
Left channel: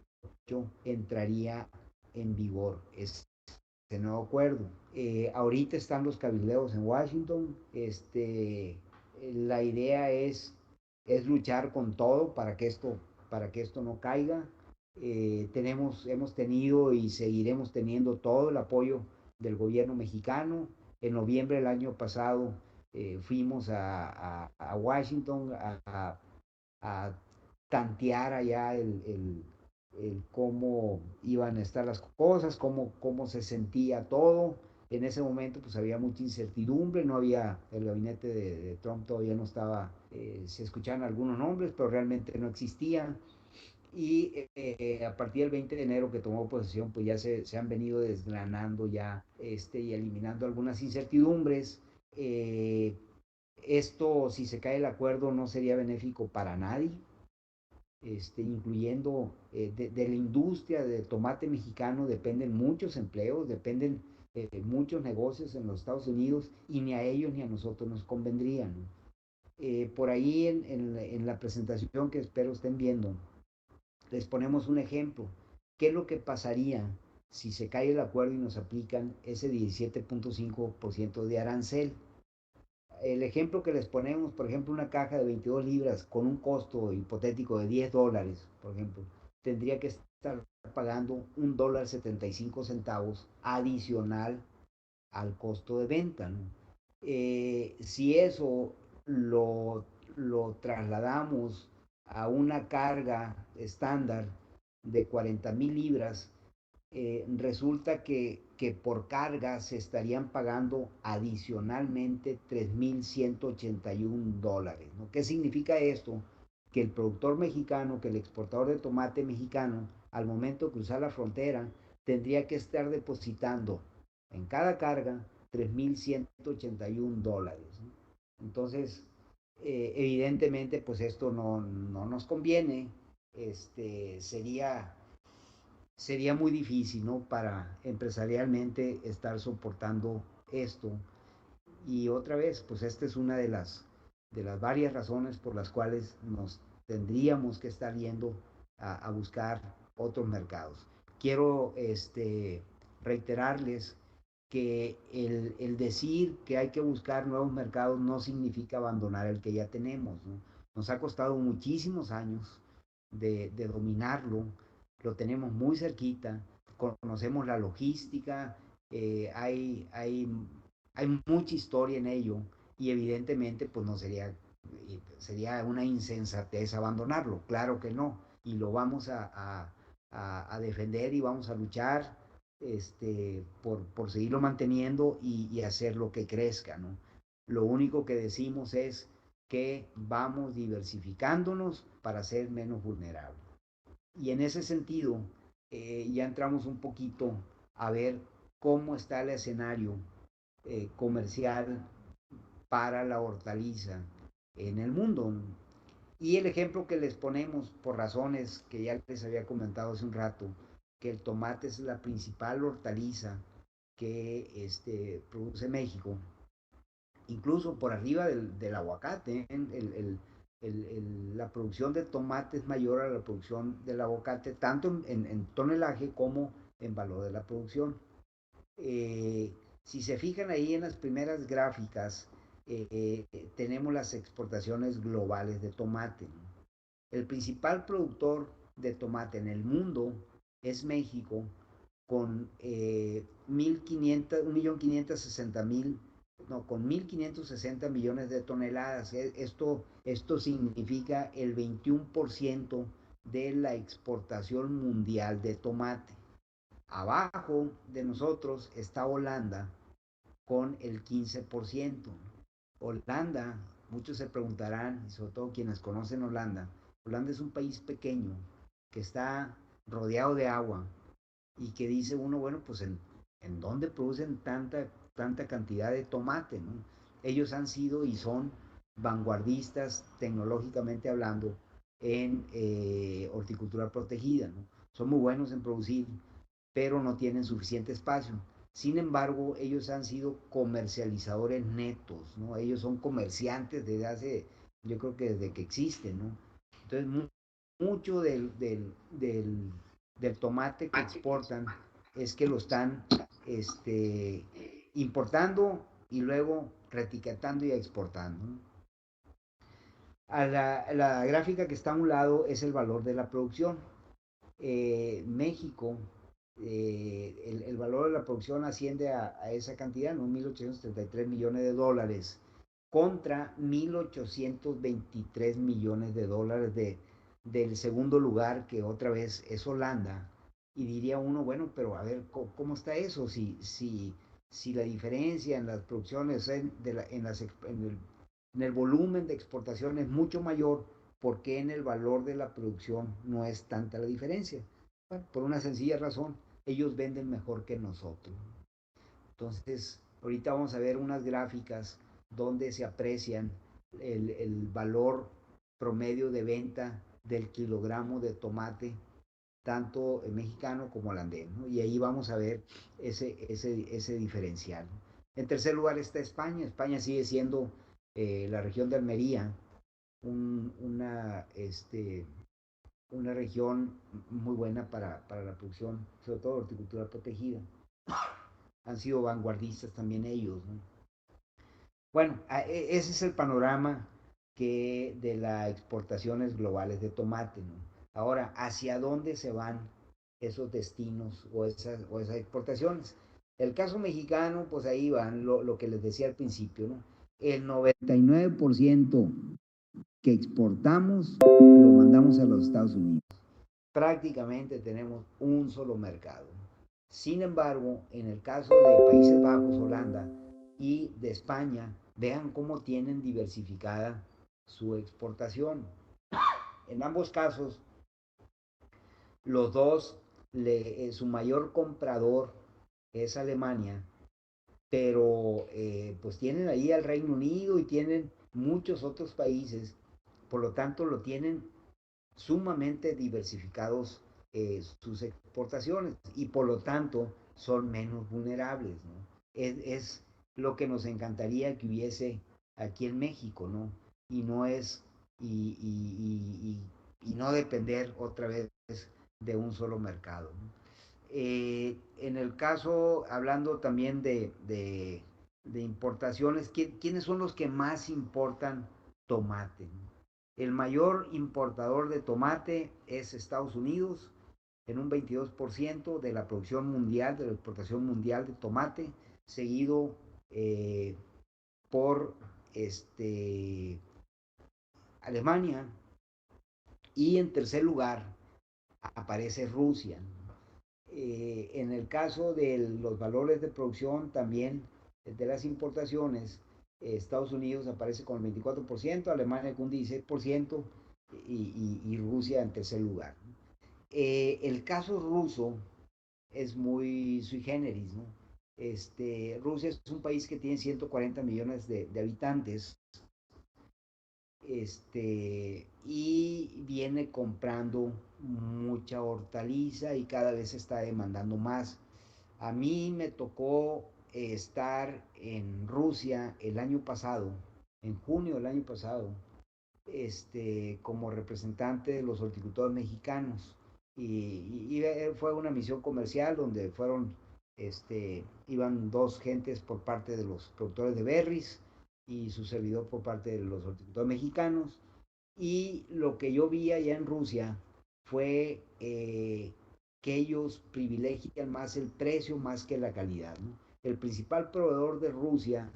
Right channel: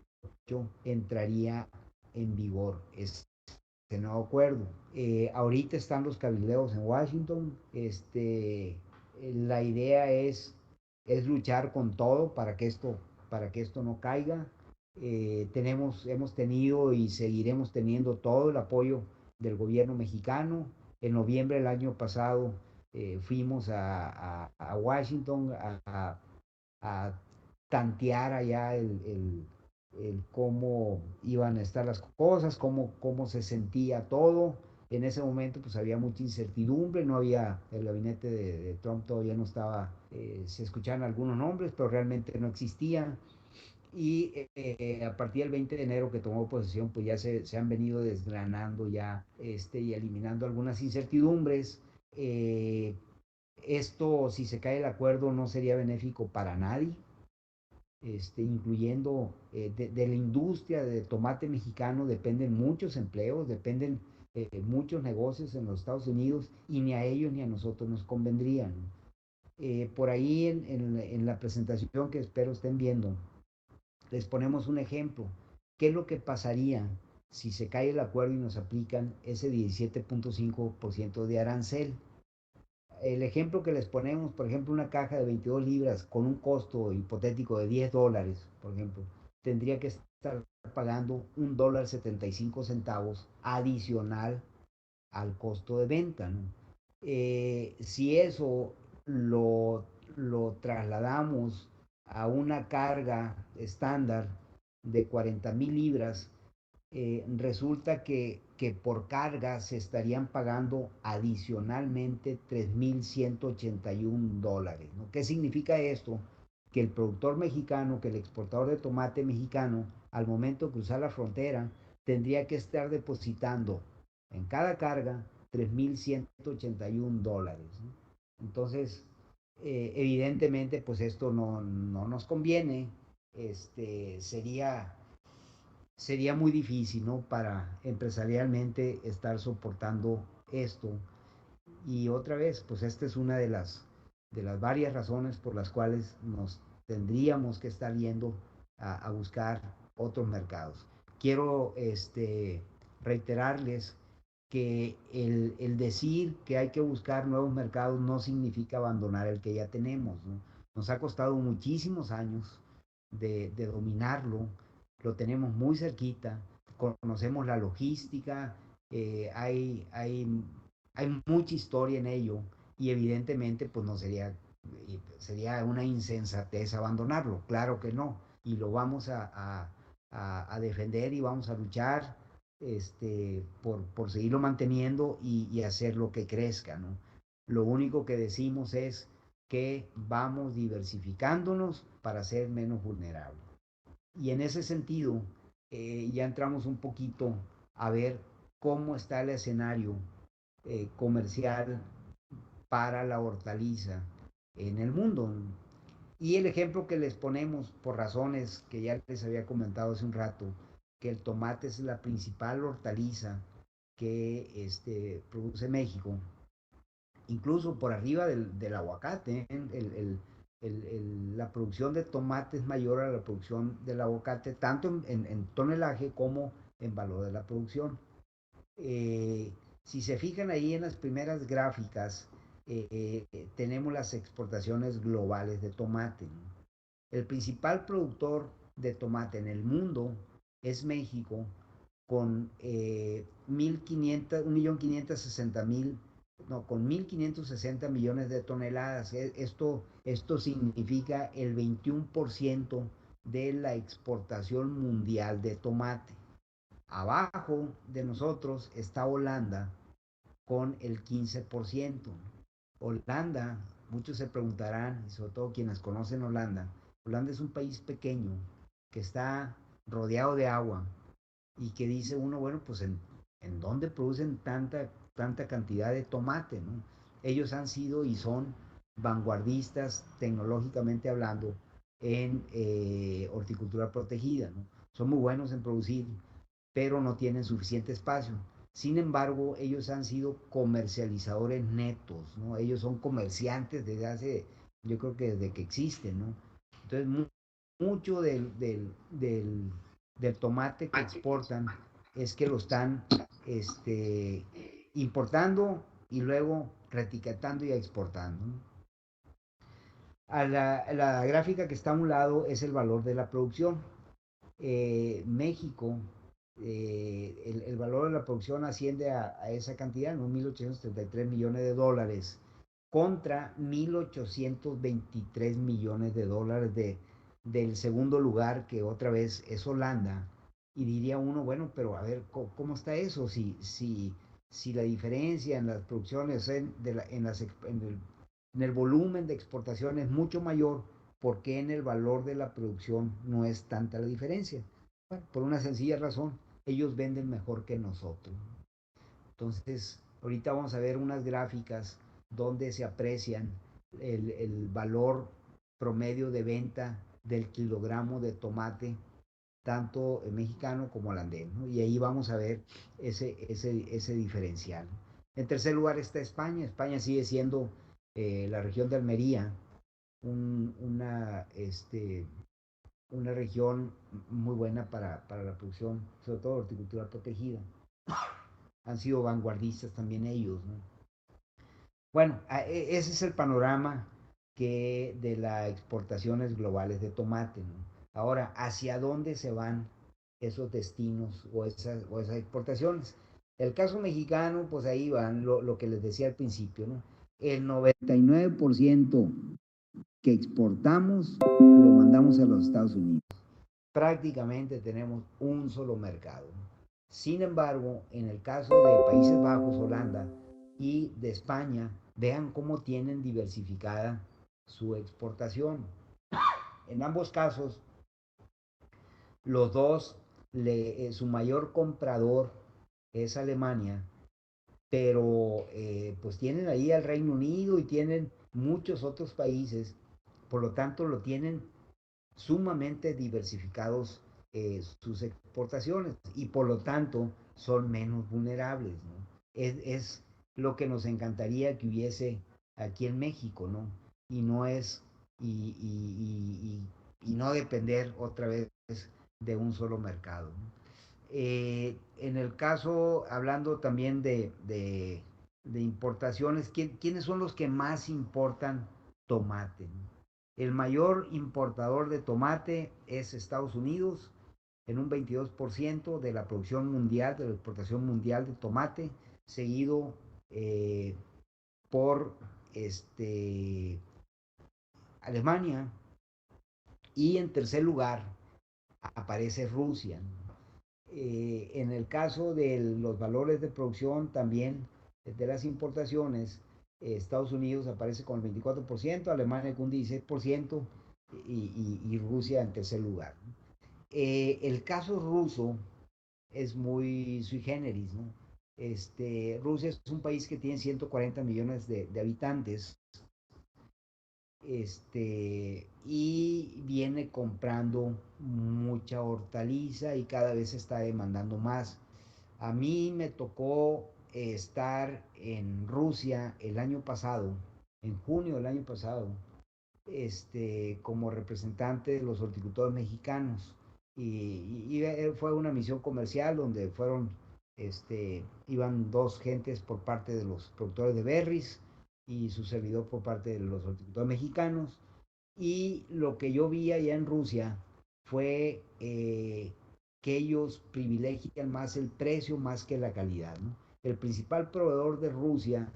entraría en vigor este nuevo acuerdo. Ahorita están los cabildeos en Washington. La idea es luchar con todo para que esto no caiga. Hemos tenido y seguiremos teniendo todo el apoyo del gobierno mexicano. En noviembre del año pasado fuimos a Washington a tantear allá el cómo iban a estar las cosas, cómo se sentía todo. En ese momento pues había mucha incertidumbre, no había, el gabinete de Trump todavía no estaba, se escuchaban algunos nombres, pero realmente no existían. Y a partir del 20 de enero que tomó posesión, pues ya se han venido desgranando ya y eliminando algunas incertidumbres. Eh, Esto, si se cae el acuerdo, no sería benéfico para nadie, incluyendo de la industria de tomate mexicano dependen muchos empleos, dependen muchos negocios en los Estados Unidos y ni a ellos ni a nosotros nos convendrían. Por ahí en la presentación que espero estén viendo, les ponemos un ejemplo. ¿Qué es lo que pasaría si se cae el acuerdo y nos aplican ese 17.5% de arancel? El ejemplo que les ponemos, por ejemplo, una caja de 22 libras con un costo hipotético de $10, por ejemplo, tendría que estar pagando $1.75 adicional al costo de venta, ¿no? Si eso lo, lo trasladamos a una carga estándar de 40,000 libras, resulta que por carga se estarían pagando adicionalmente $3,181, ¿no? ¿Qué significa esto? Que el productor mexicano, que el exportador de tomate mexicano, al momento de cruzar la frontera, tendría que estar depositando en cada carga $3,181, ¿no? Entonces, evidentemente, pues esto no nos conviene. Sería muy difícil, ¿no? Para empresarialmente estar soportando esto. Y otra vez, pues esta es una de las varias razones por las cuales nos tendríamos que estar yendo a buscar otros mercados. Quiero reiterarles que el decir que hay que buscar nuevos mercados no significa abandonar el que ya tenemos, ¿no? Nos ha costado muchísimos años de dominarlo, lo tenemos muy cerquita, conocemos la logística, hay mucha historia en ello y evidentemente pues no sería una insensatez abandonarlo, claro que no, y lo vamos a defender y vamos a luchar por seguirlo manteniendo y hacer lo que crezca, ¿no? Lo único que decimos es que vamos diversificándonos para ser menos vulnerables. Y en ese sentido, ya entramos un poquito a ver cómo está el escenario comercial para la hortaliza en el mundo. Y el ejemplo que les ponemos, por razones que ya les había comentado hace un rato, que el tomate es la principal hortaliza que produce México, incluso por arriba del aguacate. La producción de tomate es mayor a la producción del aguacate, tanto en tonelaje como en valor de la producción. Si se fijan ahí en las primeras gráficas, tenemos las exportaciones globales de tomate, ¿no? El principal productor de tomate en el mundo es México, con 1.560.000, no, con 1.560 millones de toneladas. Esto significa el 21% de la exportación mundial de tomate. Abajo de nosotros está Holanda con el 15%. Holanda, muchos se preguntarán, sobre todo quienes conocen Holanda, Holanda es un país pequeño que está rodeado de agua y que dice uno, bueno, pues en dónde producen tanta cantidad de tomate, ¿no? Ellos han sido y son vanguardistas tecnológicamente hablando en horticultura protegida, ¿no? Son muy buenos en producir, pero no tienen suficiente espacio. Sin embargo, ellos han sido comercializadores netos, ¿no? Ellos son comerciantes desde hace, yo creo que desde que existen, ¿no? Entonces, mucho del tomate que exportan es que lo están importando y luego retiquetando y exportando, ¿no? La gráfica que está a un lado es el valor de la producción. México, el valor de la producción asciende a esa cantidad, ¿no? 1.833 millones de dólares contra 1.823 millones de dólares del segundo lugar, que otra vez es Holanda. Y diría uno, bueno, pero a ver, ¿cómo está eso? Si la diferencia en las producciones, en el volumen de exportación es mucho mayor, ¿por qué en el valor de la producción no es tanta la diferencia? Bueno, por una sencilla razón, ellos venden mejor que nosotros. Entonces, ahorita vamos a ver unas gráficas donde se aprecian el valor promedio de venta del kilogramo de tomate, tanto mexicano como holandés, ¿no? Y ahí vamos a ver ese diferencial. En tercer lugar está España. España sigue siendo la región de Almería, un, una región muy buena para la producción, sobre todo horticultura protegida. Han sido vanguardistas también ellos, ¿no? Bueno, ese es el panorama de las exportaciones globales de tomate, ¿no? Ahora, ¿hacia dónde se van esos destinos o esas exportaciones? El caso mexicano, pues ahí van lo que les decía al principio, ¿no? El 99% que exportamos lo mandamos a los Estados Unidos. Prácticamente tenemos un solo mercado. Sin embargo, en el caso de Países Bajos, Holanda y de España, vean cómo tienen diversificada su exportación. En ambos casos, los dos, su mayor comprador es Alemania, pero pues tienen ahí al Reino Unido y tienen muchos otros países, por lo tanto lo tienen sumamente diversificados sus exportaciones y por lo tanto son menos vulnerables, ¿no? Es lo que nos encantaría que hubiese aquí en México, ¿no? Y no es, y no depender otra vez de un solo mercado, ¿no? En el caso, hablando también de importaciones, ¿quiénes son los que más importan tomate, ¿no? El mayor importador de tomate es Estados Unidos, en un 22% de la producción mundial, de la exportación mundial de tomate, seguido por Alemania, y en tercer lugar aparece Rusia. En el caso de los valores de producción también de las importaciones, Estados Unidos aparece con el 24%, Alemania con un 16% y Rusia en tercer lugar. El caso ruso es muy sui generis, ¿no? Rusia es un país que tiene 140 millones de habitantes, y viene comprando mucha hortaliza y cada vez está demandando más. A mí me tocó estar en Rusia el año pasado, en junio del año pasado, como representante de los horticultores mexicanos. Y fue una misión comercial donde iban dos gentes por parte de los productores de berries y su servidor por parte de los horticultores mexicanos. Y lo que yo vi allá en Rusia fue que ellos privilegian más el precio más que la calidad, ¿no? El principal proveedor de Rusia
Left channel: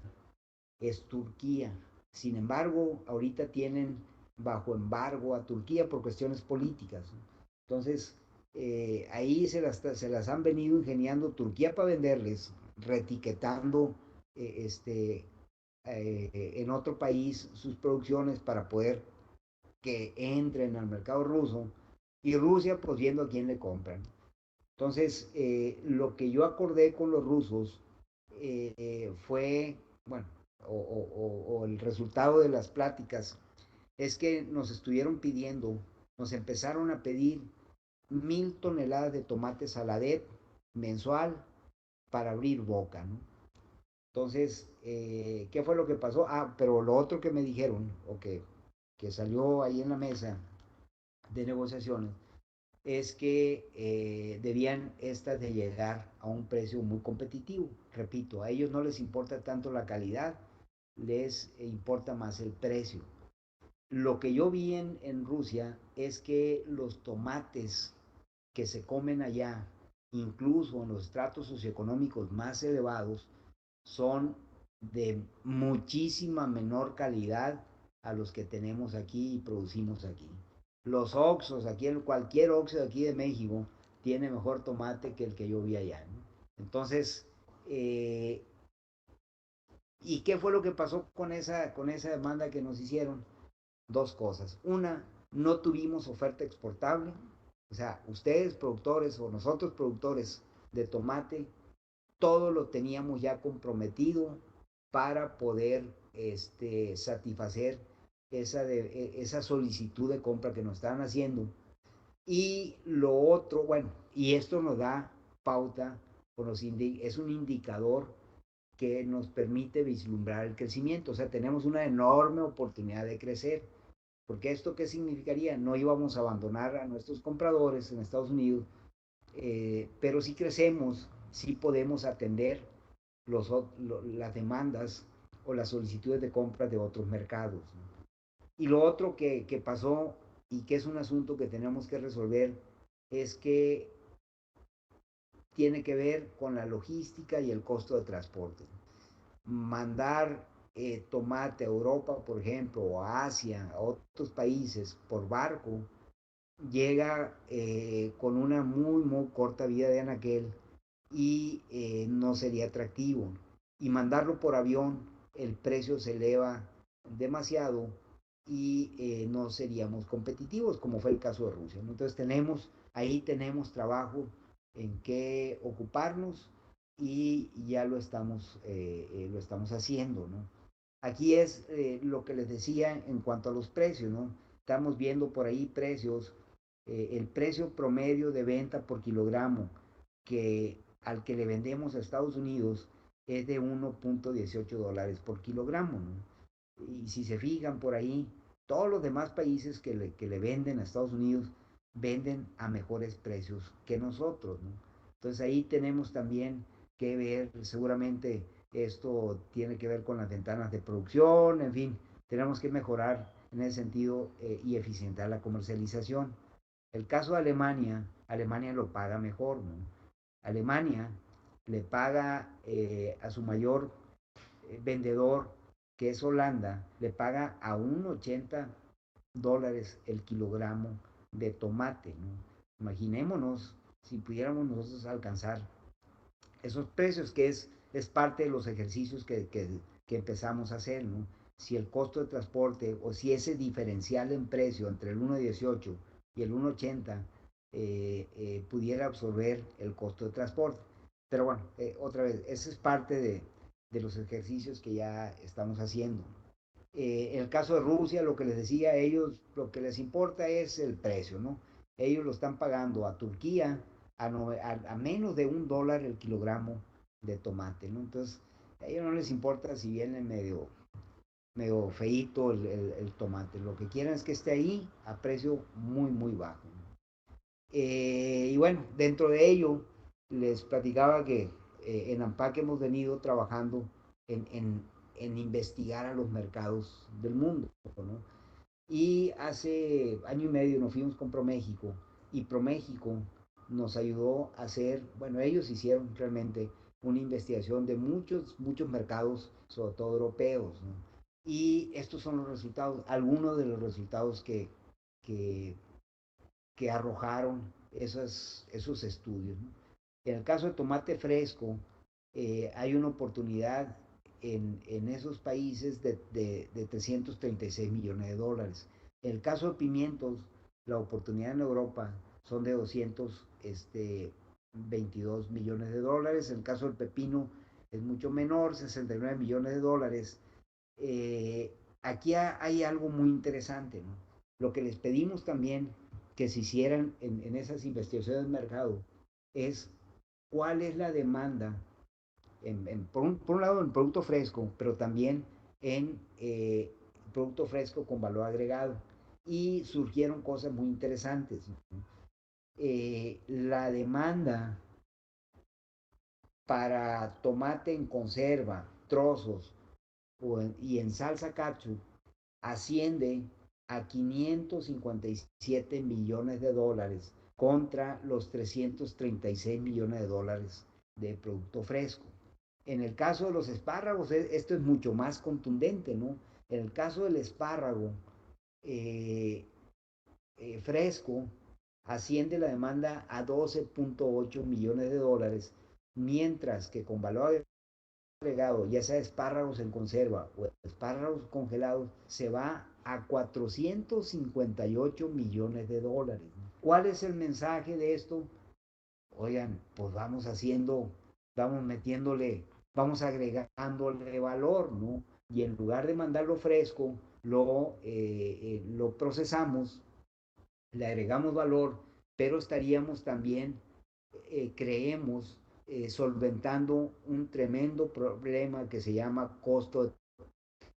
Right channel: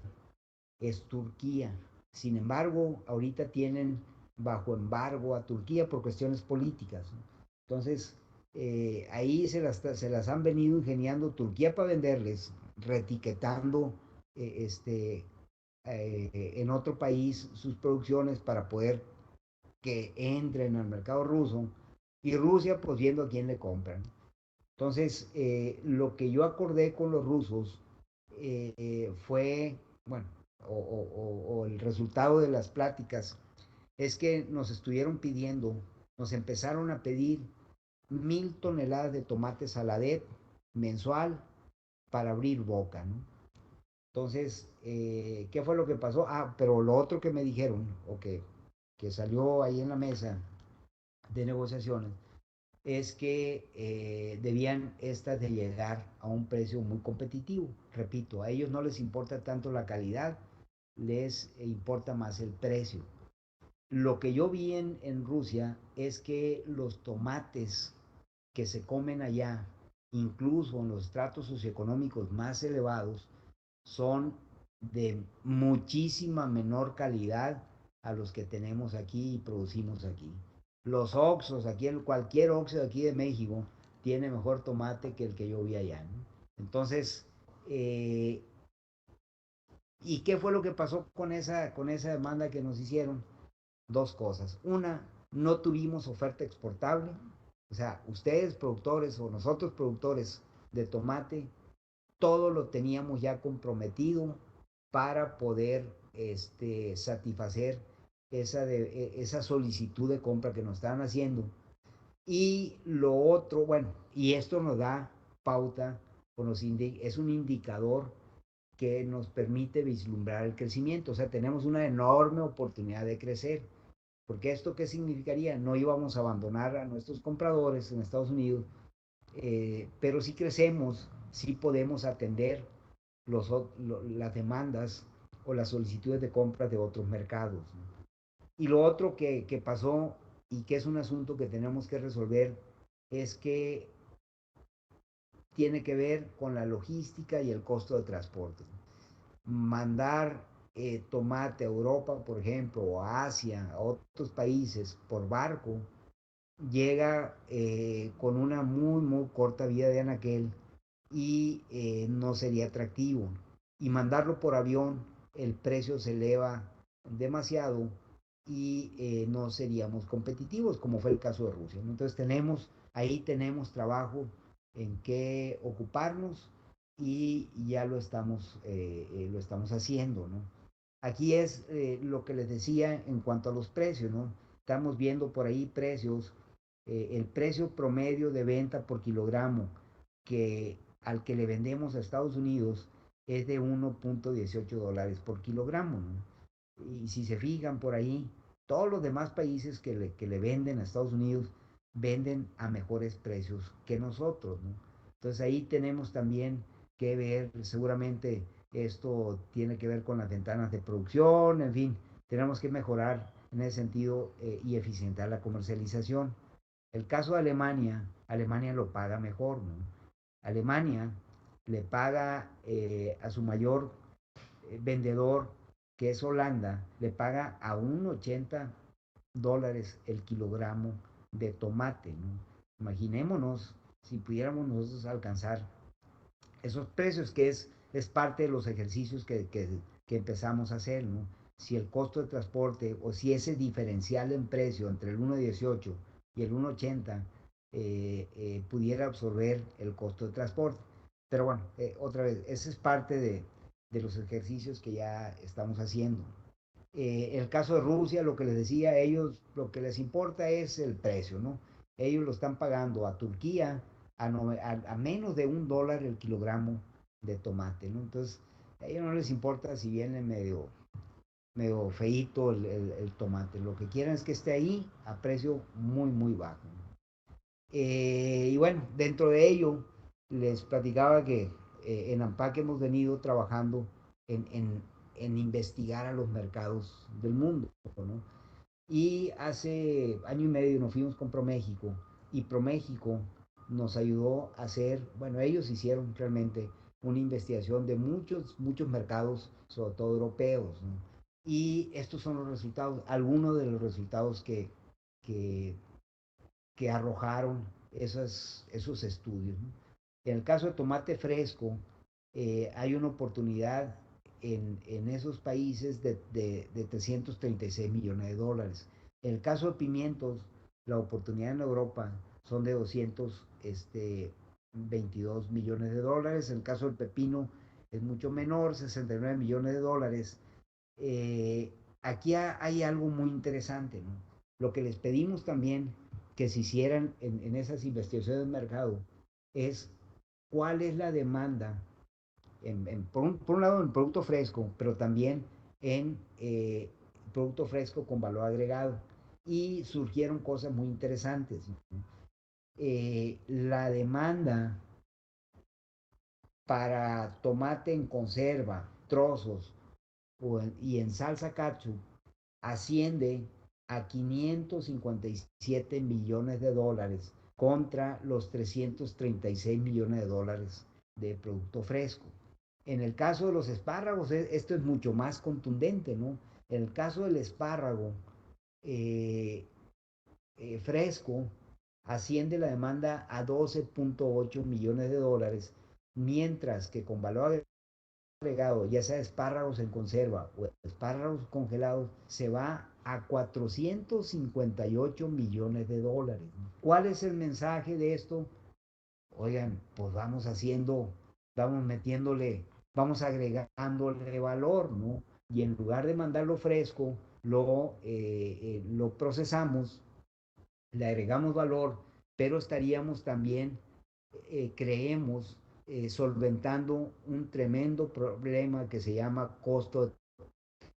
es Turquía. Sin embargo, ahorita tienen bajo embargo a Turquía por cuestiones políticas, ¿no? Entonces, ahí se las han venido ingeniando Turquía para venderles, reetiquetando en otro país sus producciones para poder que entren al mercado ruso, y Rusia pues viendo a quién le compran. Entonces, lo que yo acordé con los rusos fue, bueno, o el resultado de las pláticas es que nos estuvieron pidiendo, nos empezaron a pedir 1,000 toneladas de tomate saladet mensual para abrir boca, ¿no? Entonces, ¿qué fue lo que pasó? Ah, pero lo otro que me dijeron, o que salió ahí en la mesa de negociaciones, es que debían estas de llegar a un precio muy competitivo. Repito, a ellos no les importa tanto la calidad, les importa más el precio. Lo que yo vi en Rusia es que los tomates que se comen allá, incluso en los estratos socioeconómicos más elevados, son de muchísima menor calidad a los que tenemos aquí y producimos aquí. Los Oxos, aquí cualquier Oxo de aquí de México, tiene mejor tomate que el que yo vi allá, ¿no? Entonces, eh, ¿y qué fue lo que pasó con esa demanda que nos hicieron? Dos cosas. Una, no tuvimos oferta exportable. O sea, ustedes productores o nosotros productores de tomate, todo lo teníamos ya comprometido para poder satisfacer esa solicitud de compra que nos estaban haciendo. Y lo otro, bueno, y esto nos da pauta, es un indicador que nos permite vislumbrar el crecimiento. O sea, tenemos una enorme oportunidad de crecer. Porque esto qué significaría? No íbamos a abandonar a nuestros compradores en Estados Unidos, pero si crecemos, sí podemos atender las demandas o las solicitudes de compra de otros mercados, ¿no? Y lo otro que pasó y que es un asunto que tenemos que resolver es que tiene que ver con la logística y el costo de transporte. Mandar tomate a Europa, por ejemplo, o a Asia, a otros países por barco, llega con una muy corta vida de anaquel y no sería atractivo. Y mandarlo por avión, el precio se eleva demasiado y no seríamos competitivos, como fue el caso de Rusia, ¿no? Entonces ahí tenemos trabajo en que ocuparnos y ya lo estamos haciendo, ¿no? Aquí es lo que les decía en cuanto a los precios, ¿no? Estamos viendo por ahí precios, el precio promedio de venta por kilogramo que al que le vendemos a Estados Unidos es de $1.18 por kilogramo, ¿no? Y si se fijan por ahí, todos los demás países que le venden a Estados Unidos venden a mejores precios que nosotros, ¿no? Entonces ahí tenemos también que ver, seguramente esto tiene que ver con las ventanas de producción, en fin, tenemos que mejorar en ese sentido y eficientar la comercialización. El caso de Alemania, Alemania lo paga mejor, ¿no? Alemania le paga a su mayor vendedor, que es Holanda, le paga a $1.80 el kilogramo de tomate, ¿no? Imaginémonos si pudiéramos nosotros alcanzar esos precios, que es parte de los ejercicios que empezamos a hacer, ¿no? Si el costo de transporte o si ese diferencial en precio entre el 1.18 y el 1.80 pudiera absorber el costo de transporte. Pero bueno, otra vez, ese es parte de los ejercicios que ya estamos haciendo. El caso de Rusia, lo que les decía, a ellos lo que les importa es el precio, ¿no? Ellos lo están pagando a Turquía a menos de $1 el kilogramo de tomate, ¿no? Entonces, a ellos no les importa si viene medio feíto el tomate. Lo que quieren es que esté ahí a precio muy bajo, ¿no? Y bueno, dentro de ello, les platicaba que en AMPAC hemos venido trabajando en en investigar a los mercados del mundo, ¿no? Y hace año y medio nos fuimos con ProMéxico y ProMéxico nos ayudó a hacer, bueno, ellos hicieron realmente una investigación de muchos mercados, sobre todo europeos, ¿no? Y estos son los resultados, algunos de los resultados que, que arrojaron esos estudios, ¿no? En el caso de tomate fresco, hay una oportunidad en esos países de 336 millones de dólares. En el caso de pimientos, la oportunidad en Europa son de 222 millones de dólares. En el caso del pepino es mucho menor, 69 millones de dólares. Eh, Aquí hay algo muy interesante, ¿no? Lo que les pedimos también que se hicieran en esas investigaciones de mercado es cuál es la demanda, por un lado en producto fresco, pero también en producto fresco con valor agregado. Y surgieron cosas muy interesantes, ¿no? La demanda para tomate en conserva, trozos y en salsa ketchup asciende a 557 millones de dólares contra los 336 millones de dólares de producto fresco. En el caso de los espárragos, esto es mucho más contundente, ¿no? En el caso del espárrago eh, fresco, asciende la demanda a 12.8 millones de dólares, mientras que con valor agregado, ya sea espárragos en conserva o espárragos congelados, se va a 458 millones de dólares. ¿Cuál es el mensaje de esto? Oigan, pues vamos haciendo, vamos metiéndole, vamos agregándole valor, ¿no? Y en lugar de mandarlo fresco, lo procesamos, le agregamos valor, pero estaríamos también, creemos, solventando un tremendo problema que se llama costo de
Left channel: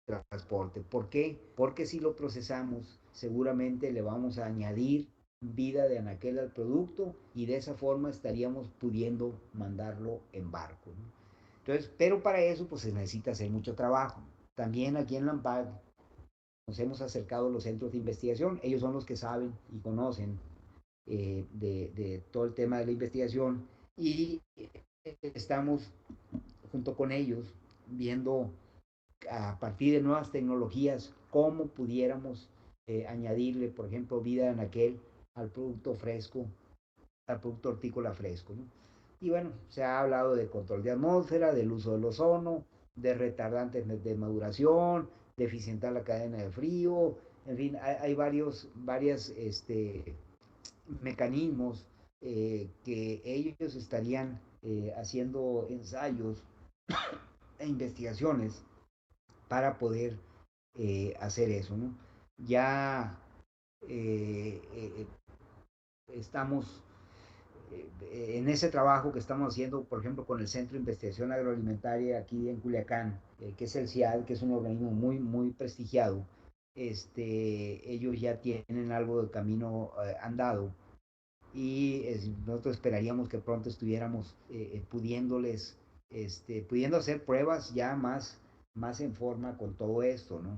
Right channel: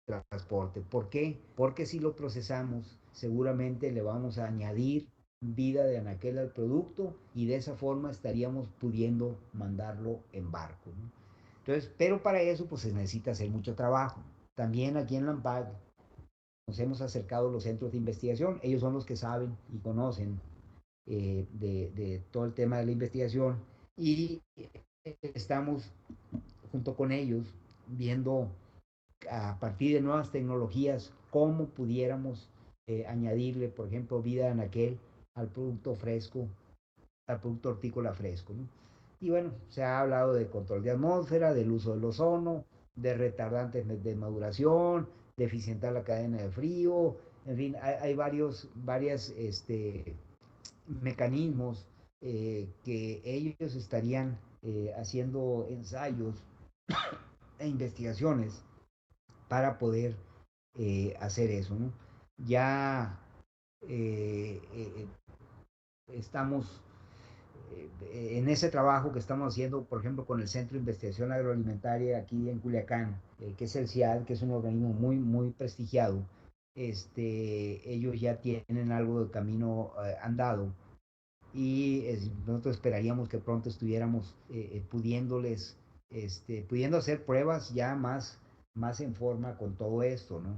transporte. ¿Por qué? Porque si lo procesamos, seguramente le vamos a añadir vida de anaquel al producto y de esa forma estaríamos pudiendo mandarlo en barco, ¿no? Entonces, pero para eso pues se necesita hacer mucho trabajo. También aquí en Lampag nos hemos acercado a los centros de investigación, ellos son los que saben y conocen de todo el tema de la investigación y estamos junto con ellos viendo a partir de nuevas tecnologías cómo pudiéramos añadirle, por ejemplo, vida de anaquel al producto fresco, al producto hortícola fresco, ¿no? Y bueno, se ha hablado de control de atmósfera, del uso del ozono, de retardantes de maduración, de eficientar la cadena de frío, en fin, hay varios mecanismos que ellos estarían haciendo ensayos e investigaciones para poder hacer eso, ¿no? Ya estamos en ese trabajo que estamos haciendo, por ejemplo, con el Centro de Investigación Agroalimentaria aquí en Culiacán, que es el CIAD, que es un organismo muy prestigiado. Ellos ya tienen algo de camino andado y nosotros esperaríamos que pronto estuviéramos pudiendo hacer pruebas ya más en forma con todo esto, ¿no?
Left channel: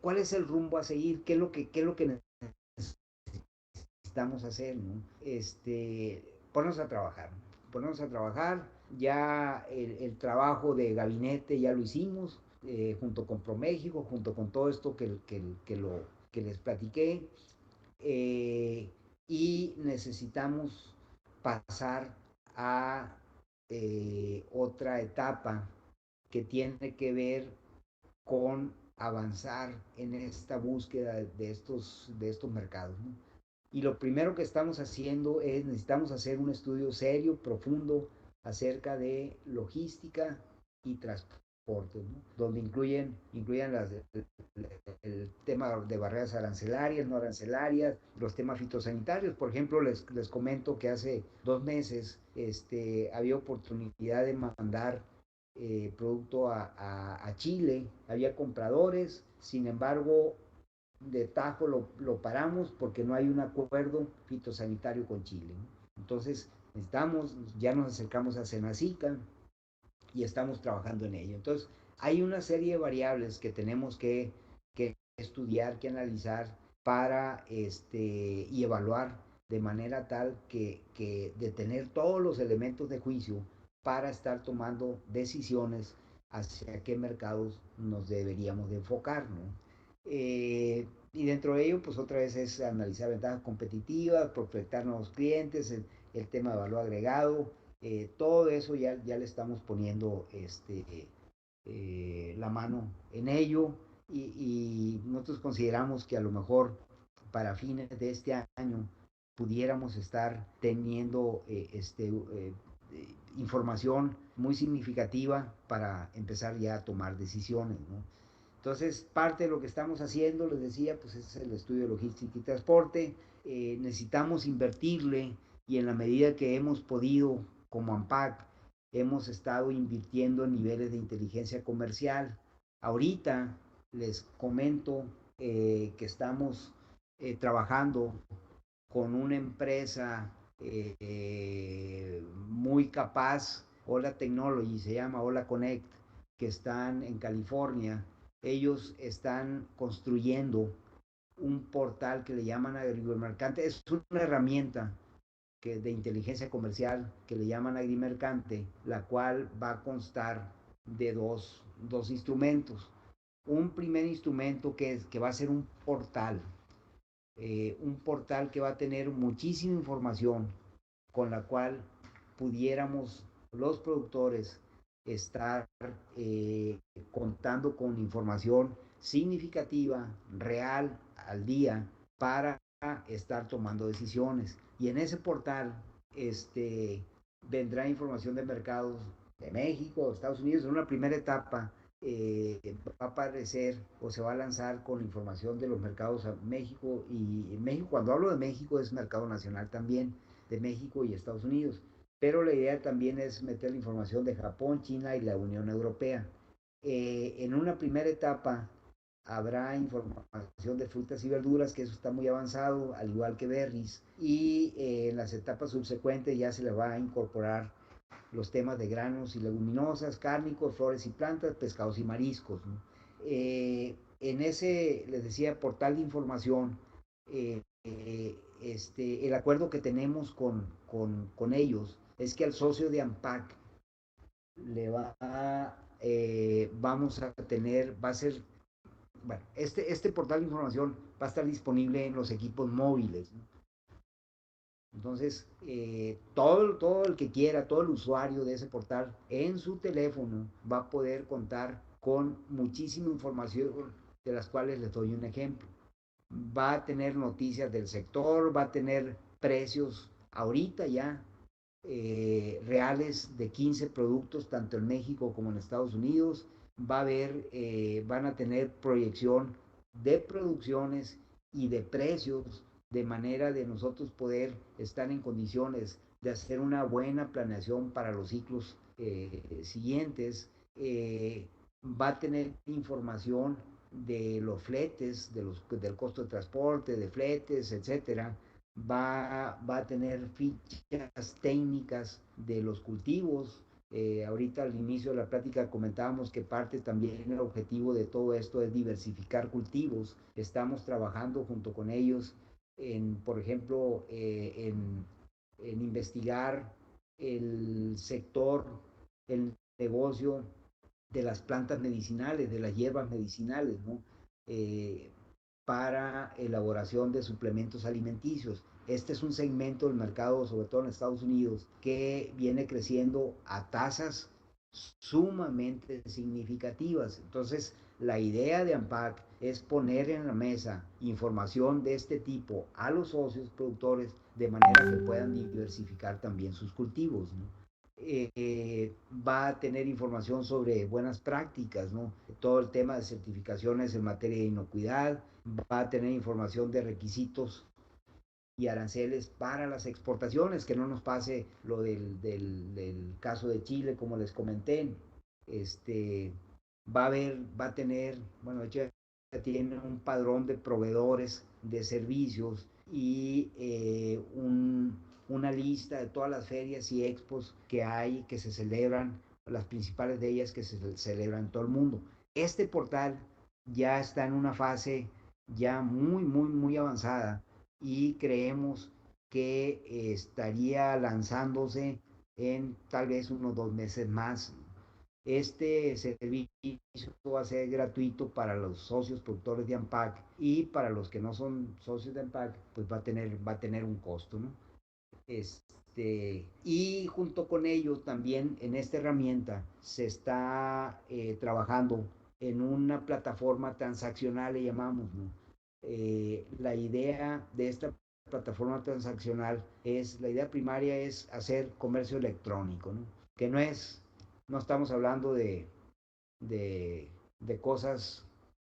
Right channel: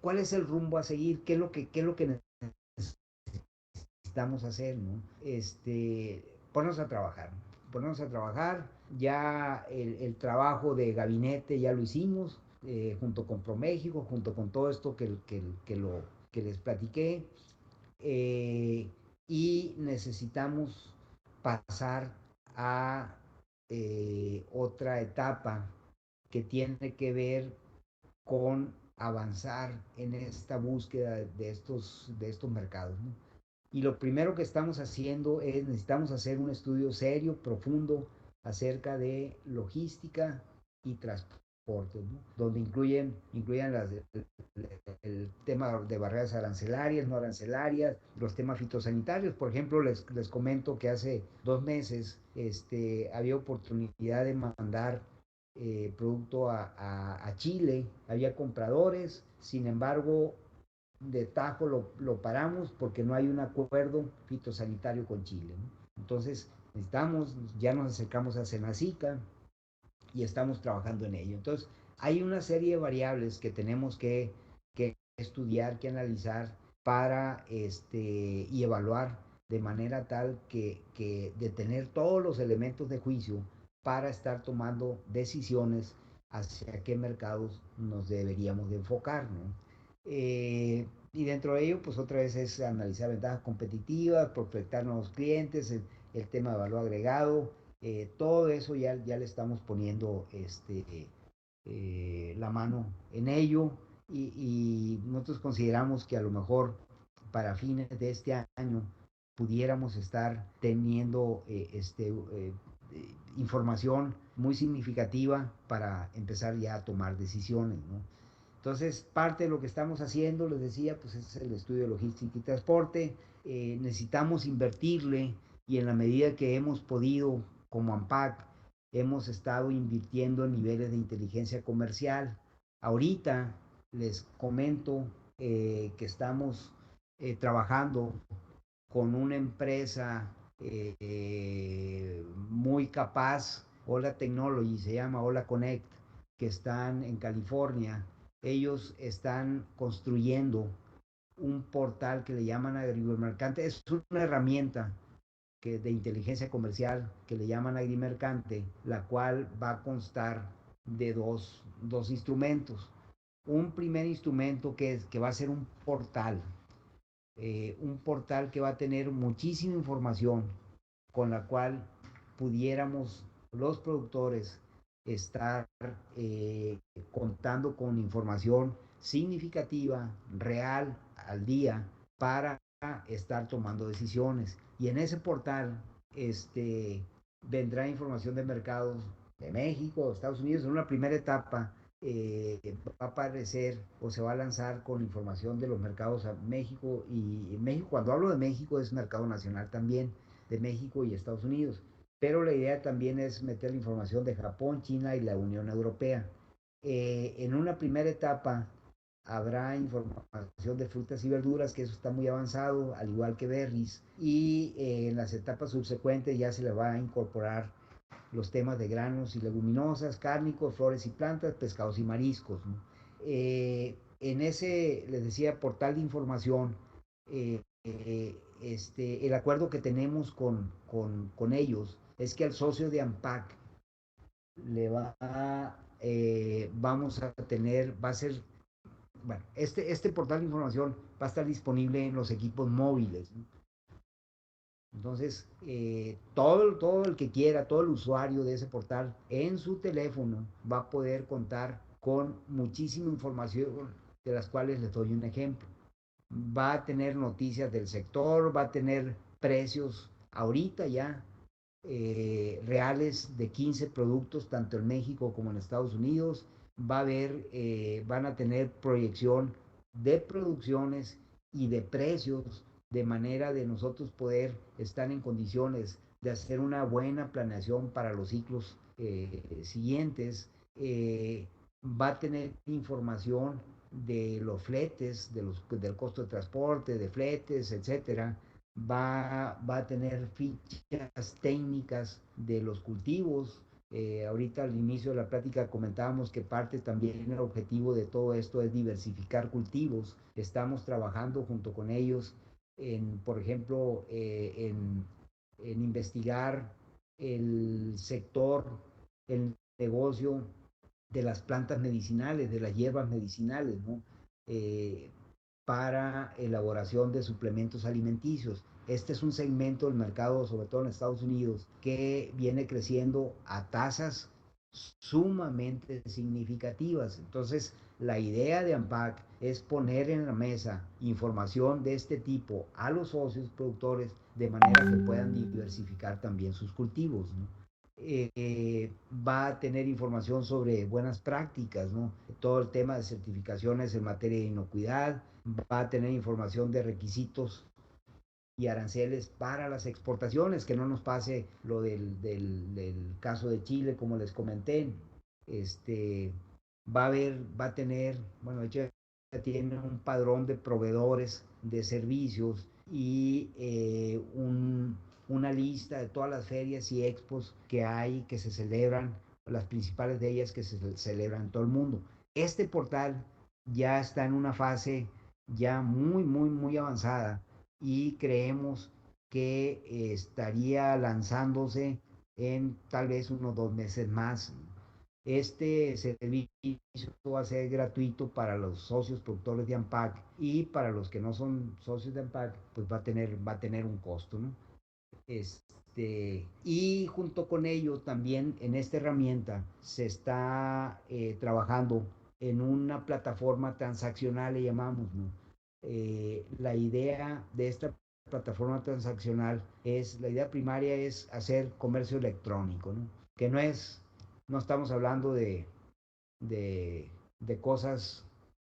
¿Cuál es el rumbo a seguir? ¿Qué es lo que necesitamos hacer, ¿no? Ponernos a trabajar, ponernos a trabajar. Ya el trabajo de gabinete ya lo hicimos, junto con ProMéxico, junto con todo esto que les platiqué. eh, y necesitamos pasar a otra etapa que tiene que ver con avanzar en esta búsqueda de estos mercados, ¿no? Y lo primero que estamos haciendo es, necesitamos hacer un estudio serio, profundo, acerca de logística y transporte, ¿no? Donde incluyan el tema de barreras arancelarias, no arancelarias, los temas fitosanitarios. Por ejemplo, les comento que hace 2 meses había oportunidad de mandar producto a Chile, había compradores, sin embargo, de tajo lo paramos porque no hay un acuerdo fitosanitario con Chile, ¿no? Entonces, ya nos acercamos a Senacica y estamos trabajando en ello. Entonces, hay una serie de variables que tenemos que estudiar, que analizar para y evaluar de manera tal de tener todos los elementos de juicio para estar tomando decisiones hacia qué mercados nos deberíamos de enfocar, ¿no? Y dentro de ello, pues otra vez es analizar ventajas competitivas, prospectar nuevos clientes, el tema de valor agregado, todo eso ya le estamos poniendo la mano en ello y nosotros consideramos que a lo mejor para fines de este año pudiéramos estar teniendo información muy significativa para empezar ya a tomar decisiones, ¿no? Entonces, parte de lo que estamos haciendo, les decía, pues es el estudio de logística y transporte. Necesitamos invertirle y en la medida que hemos podido, como AMPAC, hemos estado invirtiendo en niveles de inteligencia comercial. Ahorita les comento que estamos trabajando con una empresa muy capaz, Hola Technology, se llama Hola Connect, que están en California. Ellos están construyendo un portal que le llaman Agrimercante. Es una herramienta de inteligencia comercial que le llaman Agrimercante, la cual va a constar de dos instrumentos. Un primer instrumento que va a ser un portal que va a tener muchísima información con la cual pudiéramos los productores estar contando con información significativa, real, al día, para estar tomando decisiones. Y en ese portal vendrá información de mercados de México, Estados Unidos, en una primera etapa va a aparecer o se va a lanzar con información de los mercados a México y México, cuando hablo de México es mercado nacional también, de México y Estados Unidos, pero la idea también es meter la información de Japón, China y la Unión Europea. En una primera etapa habrá información de frutas y verduras, que eso está muy avanzado, al igual que berries, y en las etapas subsecuentes ya se le va a incorporar los temas de granos y leguminosas, cárnicos, flores y plantas, pescados y mariscos, ¿no? En ese, les decía, portal de información, el acuerdo que tenemos con ellos es que al socio de AMPAC le vamos a tener, va a ser, bueno, este portal de información va a estar disponible en los equipos móviles, ¿no? Entonces, todo el que quiera, todo el usuario de ese portal en su teléfono va a poder contar con muchísima información, de las cuales les doy un ejemplo. Va a tener noticias del sector, va a tener precios ahorita ya reales de 15 productos, tanto en México como en Estados Unidos. Van a tener proyección de producciones y de precios, de manera de nosotros poder estar en condiciones de hacer una buena planeación para los ciclos siguientes. Va a tener información de los fletes, del costo de transporte, de fletes, etcétera. Va a tener fichas técnicas de los cultivos. Ahorita al inicio de la plática comentábamos que parte también el objetivo de todo esto es diversificar cultivos. Estamos trabajando junto con ellos por ejemplo, en investigar el sector, el negocio de las plantas medicinales, de las hierbas medicinales, ¿no? Para elaboración de suplementos alimenticios. Este es un segmento del mercado, sobre todo en Estados Unidos, que viene creciendo a tasas sumamente significativas. Entonces, la idea de AMPAC es poner en la mesa información de este tipo a los socios productores de manera que puedan diversificar también sus cultivos, ¿no? Va a tener información sobre buenas prácticas, ¿no? Todo el tema de certificaciones en materia de inocuidad, va a tener información de requisitos y aranceles para las exportaciones, que no nos pase lo del caso de Chile, como les comenté. Este, va a tener, bueno, de hecho ya tiene un padrón de proveedores de servicios y una lista de todas las ferias y expos que hay, que se celebran las principales de ellas que se celebran en todo el mundo. Este portal ya está en una fase ya muy avanzada y creemos que estaría lanzándose en tal vez unos 2 meses más. Este servicio va a ser gratuito para los socios productores de AMPAC, y para los que no son socios de AMPAC, pues va a tener un costo, ¿no? Y junto con ello también en esta herramienta se está trabajando en una plataforma transaccional, le llamamos, ¿no? La idea de esta plataforma transaccional la idea primaria es hacer comercio electrónico, ¿no? Que no estamos hablando de, de cosas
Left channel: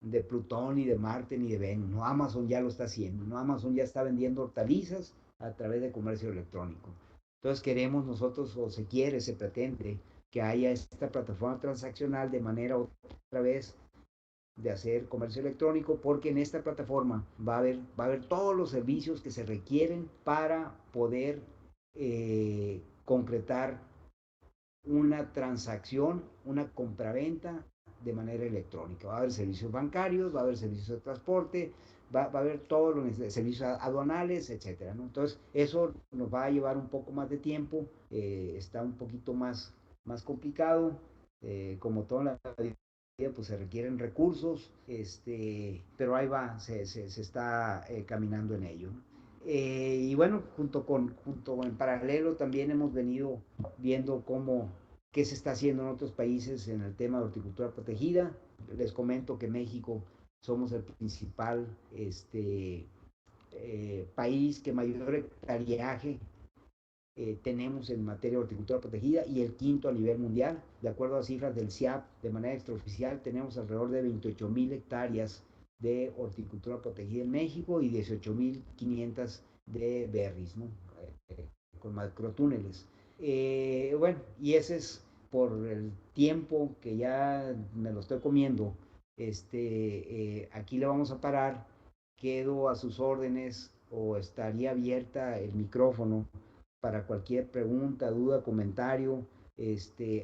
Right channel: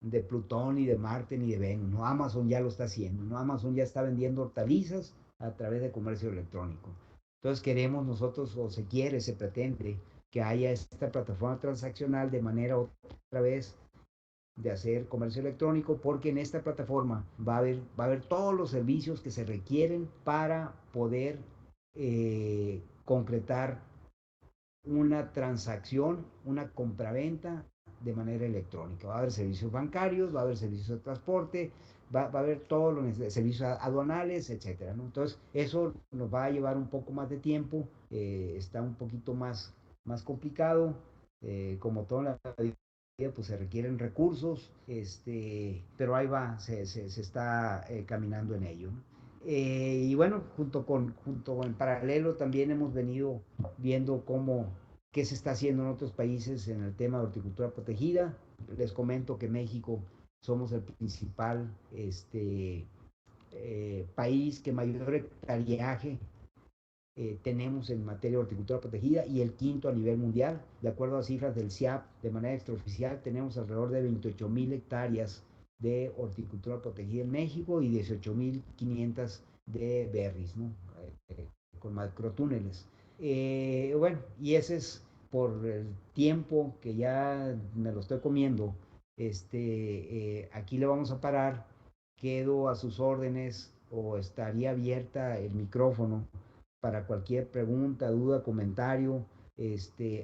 de Plutón, ni de Marte, ni de Venus, ¿no? Amazon ya lo está haciendo, ¿no? Amazon ya está vendiendo hortalizas a través de comercio electrónico. Entonces queremos nosotros, o se quiere, se pretende, que haya esta plataforma transaccional de manera otra vez de hacer comercio electrónico, porque en esta plataforma va a haber todos los servicios que se requieren para poder concretar una transacción, una compraventa de manera electrónica. Va a haber servicios bancarios, va a haber servicios de transporte, va a haber todos los servicios aduanales, etcétera, ¿no? Entonces, eso nos va a llevar un poco más de tiempo, está un poquito más complicado, como todo en la vida, pues se requieren recursos, pero ahí va, se está caminando en ello, ¿no? Y bueno, junto en paralelo también hemos venido viendo qué se está haciendo en otros países en el tema de horticultura protegida. Les comento que México somos el principal país que mayor hectareaje tenemos en materia de horticultura protegida, y el quinto a nivel mundial. De acuerdo a cifras del CIAP, de manera extraoficial, tenemos alrededor de 28,000 hectáreas de horticultura protegida en México y 18,500 de berries, ¿no? Con macrotúneles. Bueno, y ese es por el tiempo que ya me lo estoy comiendo. Aquí le vamos a parar. Quedo a sus órdenes, o estaría abierta el micrófono para cualquier pregunta, duda, comentario,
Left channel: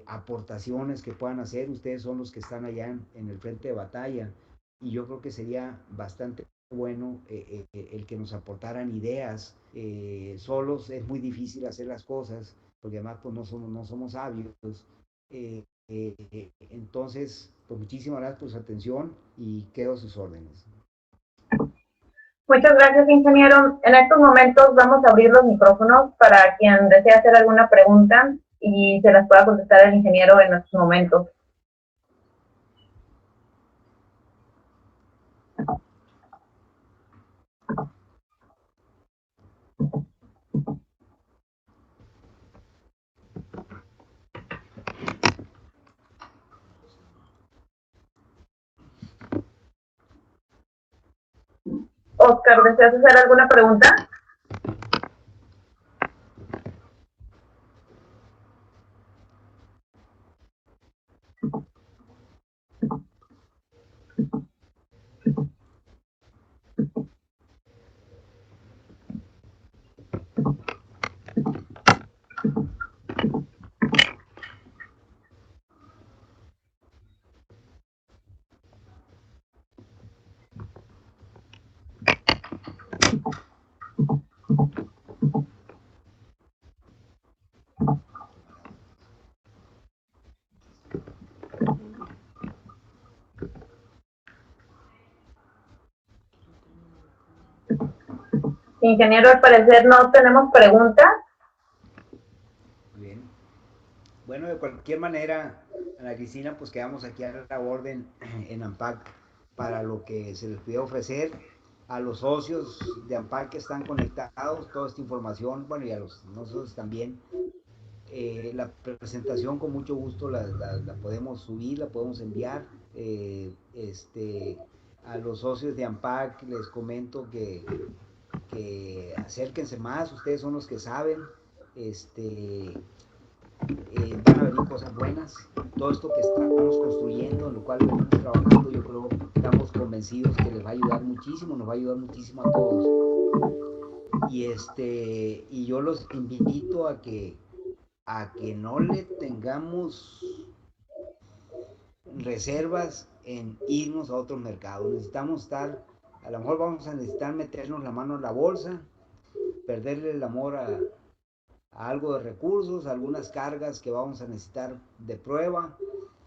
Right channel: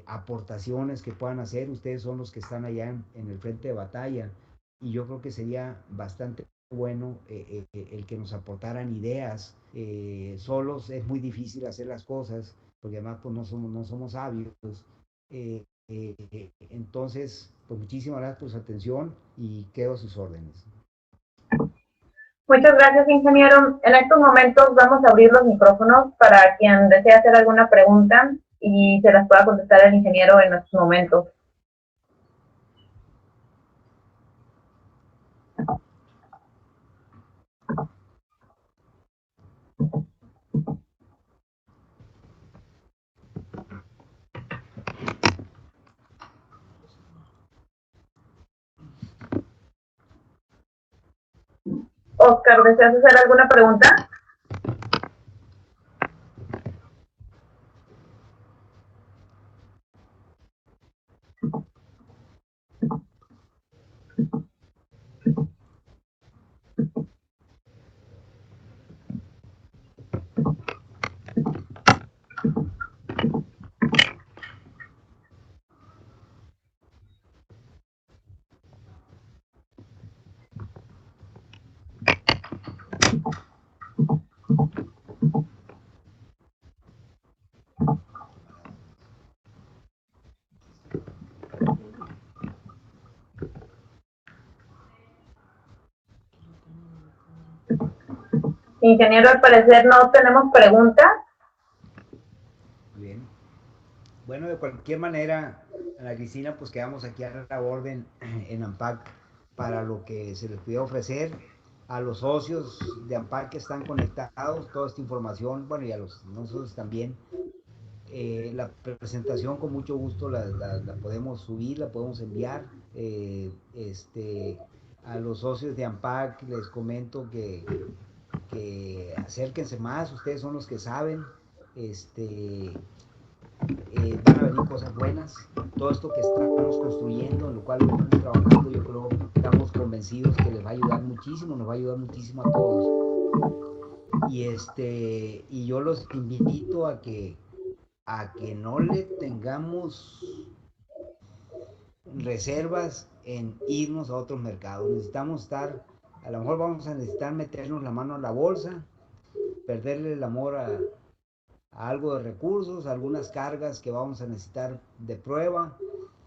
aportaciones que puedan hacer. Ustedes son los que están allá en el frente de batalla, y yo creo que sería bastante bueno el que nos aportaran ideas. Solos es muy difícil hacer las cosas, porque además pues no somos sabios. Entonces, pues muchísimas gracias por su atención y quedo a sus órdenes. Muchas gracias, ingeniero. En estos momentos vamos a abrir los micrófonos para quien desee hacer alguna pregunta y se las pueda contestar el ingeniero en estos momentos. Oscar, ¿deseas hacer alguna pregunta? Ingeniero, al parecer no tenemos preguntas. Bien. Bueno, de cualquier manera, Ana Cristina, pues quedamos aquí a la orden en AMPAC para lo que se les pudiera ofrecer a los socios de AMPAC que están conectados, toda esta información, bueno, y a los nosotros también. La presentación con mucho gusto la podemos subir, la podemos enviar. A los socios de AMPAC les comento que acérquense más, ustedes son los que saben. Van a venir cosas buenas. Todo esto que estamos construyendo, en lo cual estamos trabajando, yo creo que estamos convencidos que les va a ayudar muchísimo, nos va a ayudar muchísimo a todos. Y yo los invito a que a que no le tengamos reservas en irnos a otros mercados. Necesitamos estar, a lo mejor vamos a necesitar meternos la mano en la bolsa, perderle el amor a algo de recursos, algunas cargas que vamos a necesitar de prueba,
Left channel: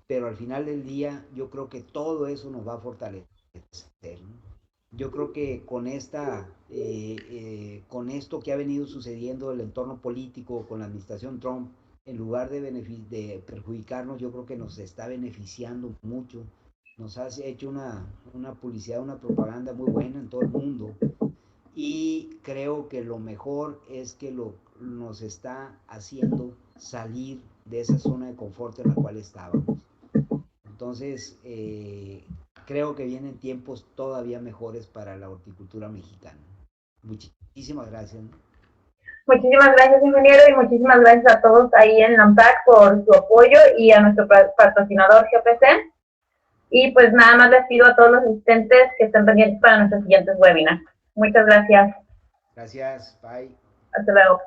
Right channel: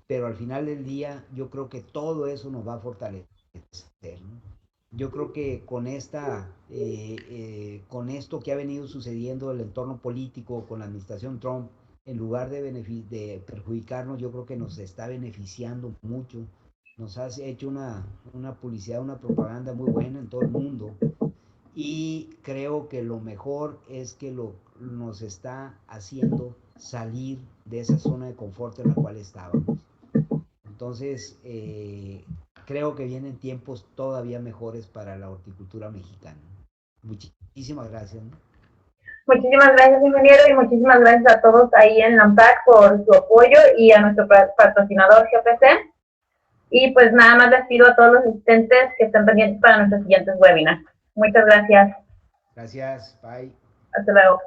pero al final del día yo creo que todo eso nos va a fortalecer, ¿no? Yo creo que con esto que ha venido sucediendo el entorno político con la administración Trump, en lugar de perjudicarnos, yo creo que nos está beneficiando mucho. Nos ha hecho una publicidad, una propaganda muy buena en todo el mundo. Y creo que lo mejor es que nos está haciendo salir de esa zona de confort en la cual estábamos. Entonces, creo que vienen tiempos todavía mejores para la horticultura mexicana. Muchísimas gracias, ¿no? Muchísimas gracias, ingeniero, y muchísimas gracias a todos ahí en LAMPAC por su apoyo y a nuestro patrocinador GPC. Y pues nada más les pido a todos los asistentes que estén pendientes para nuestros siguientes webinars. Muchas gracias. Gracias, bye. Hasta luego.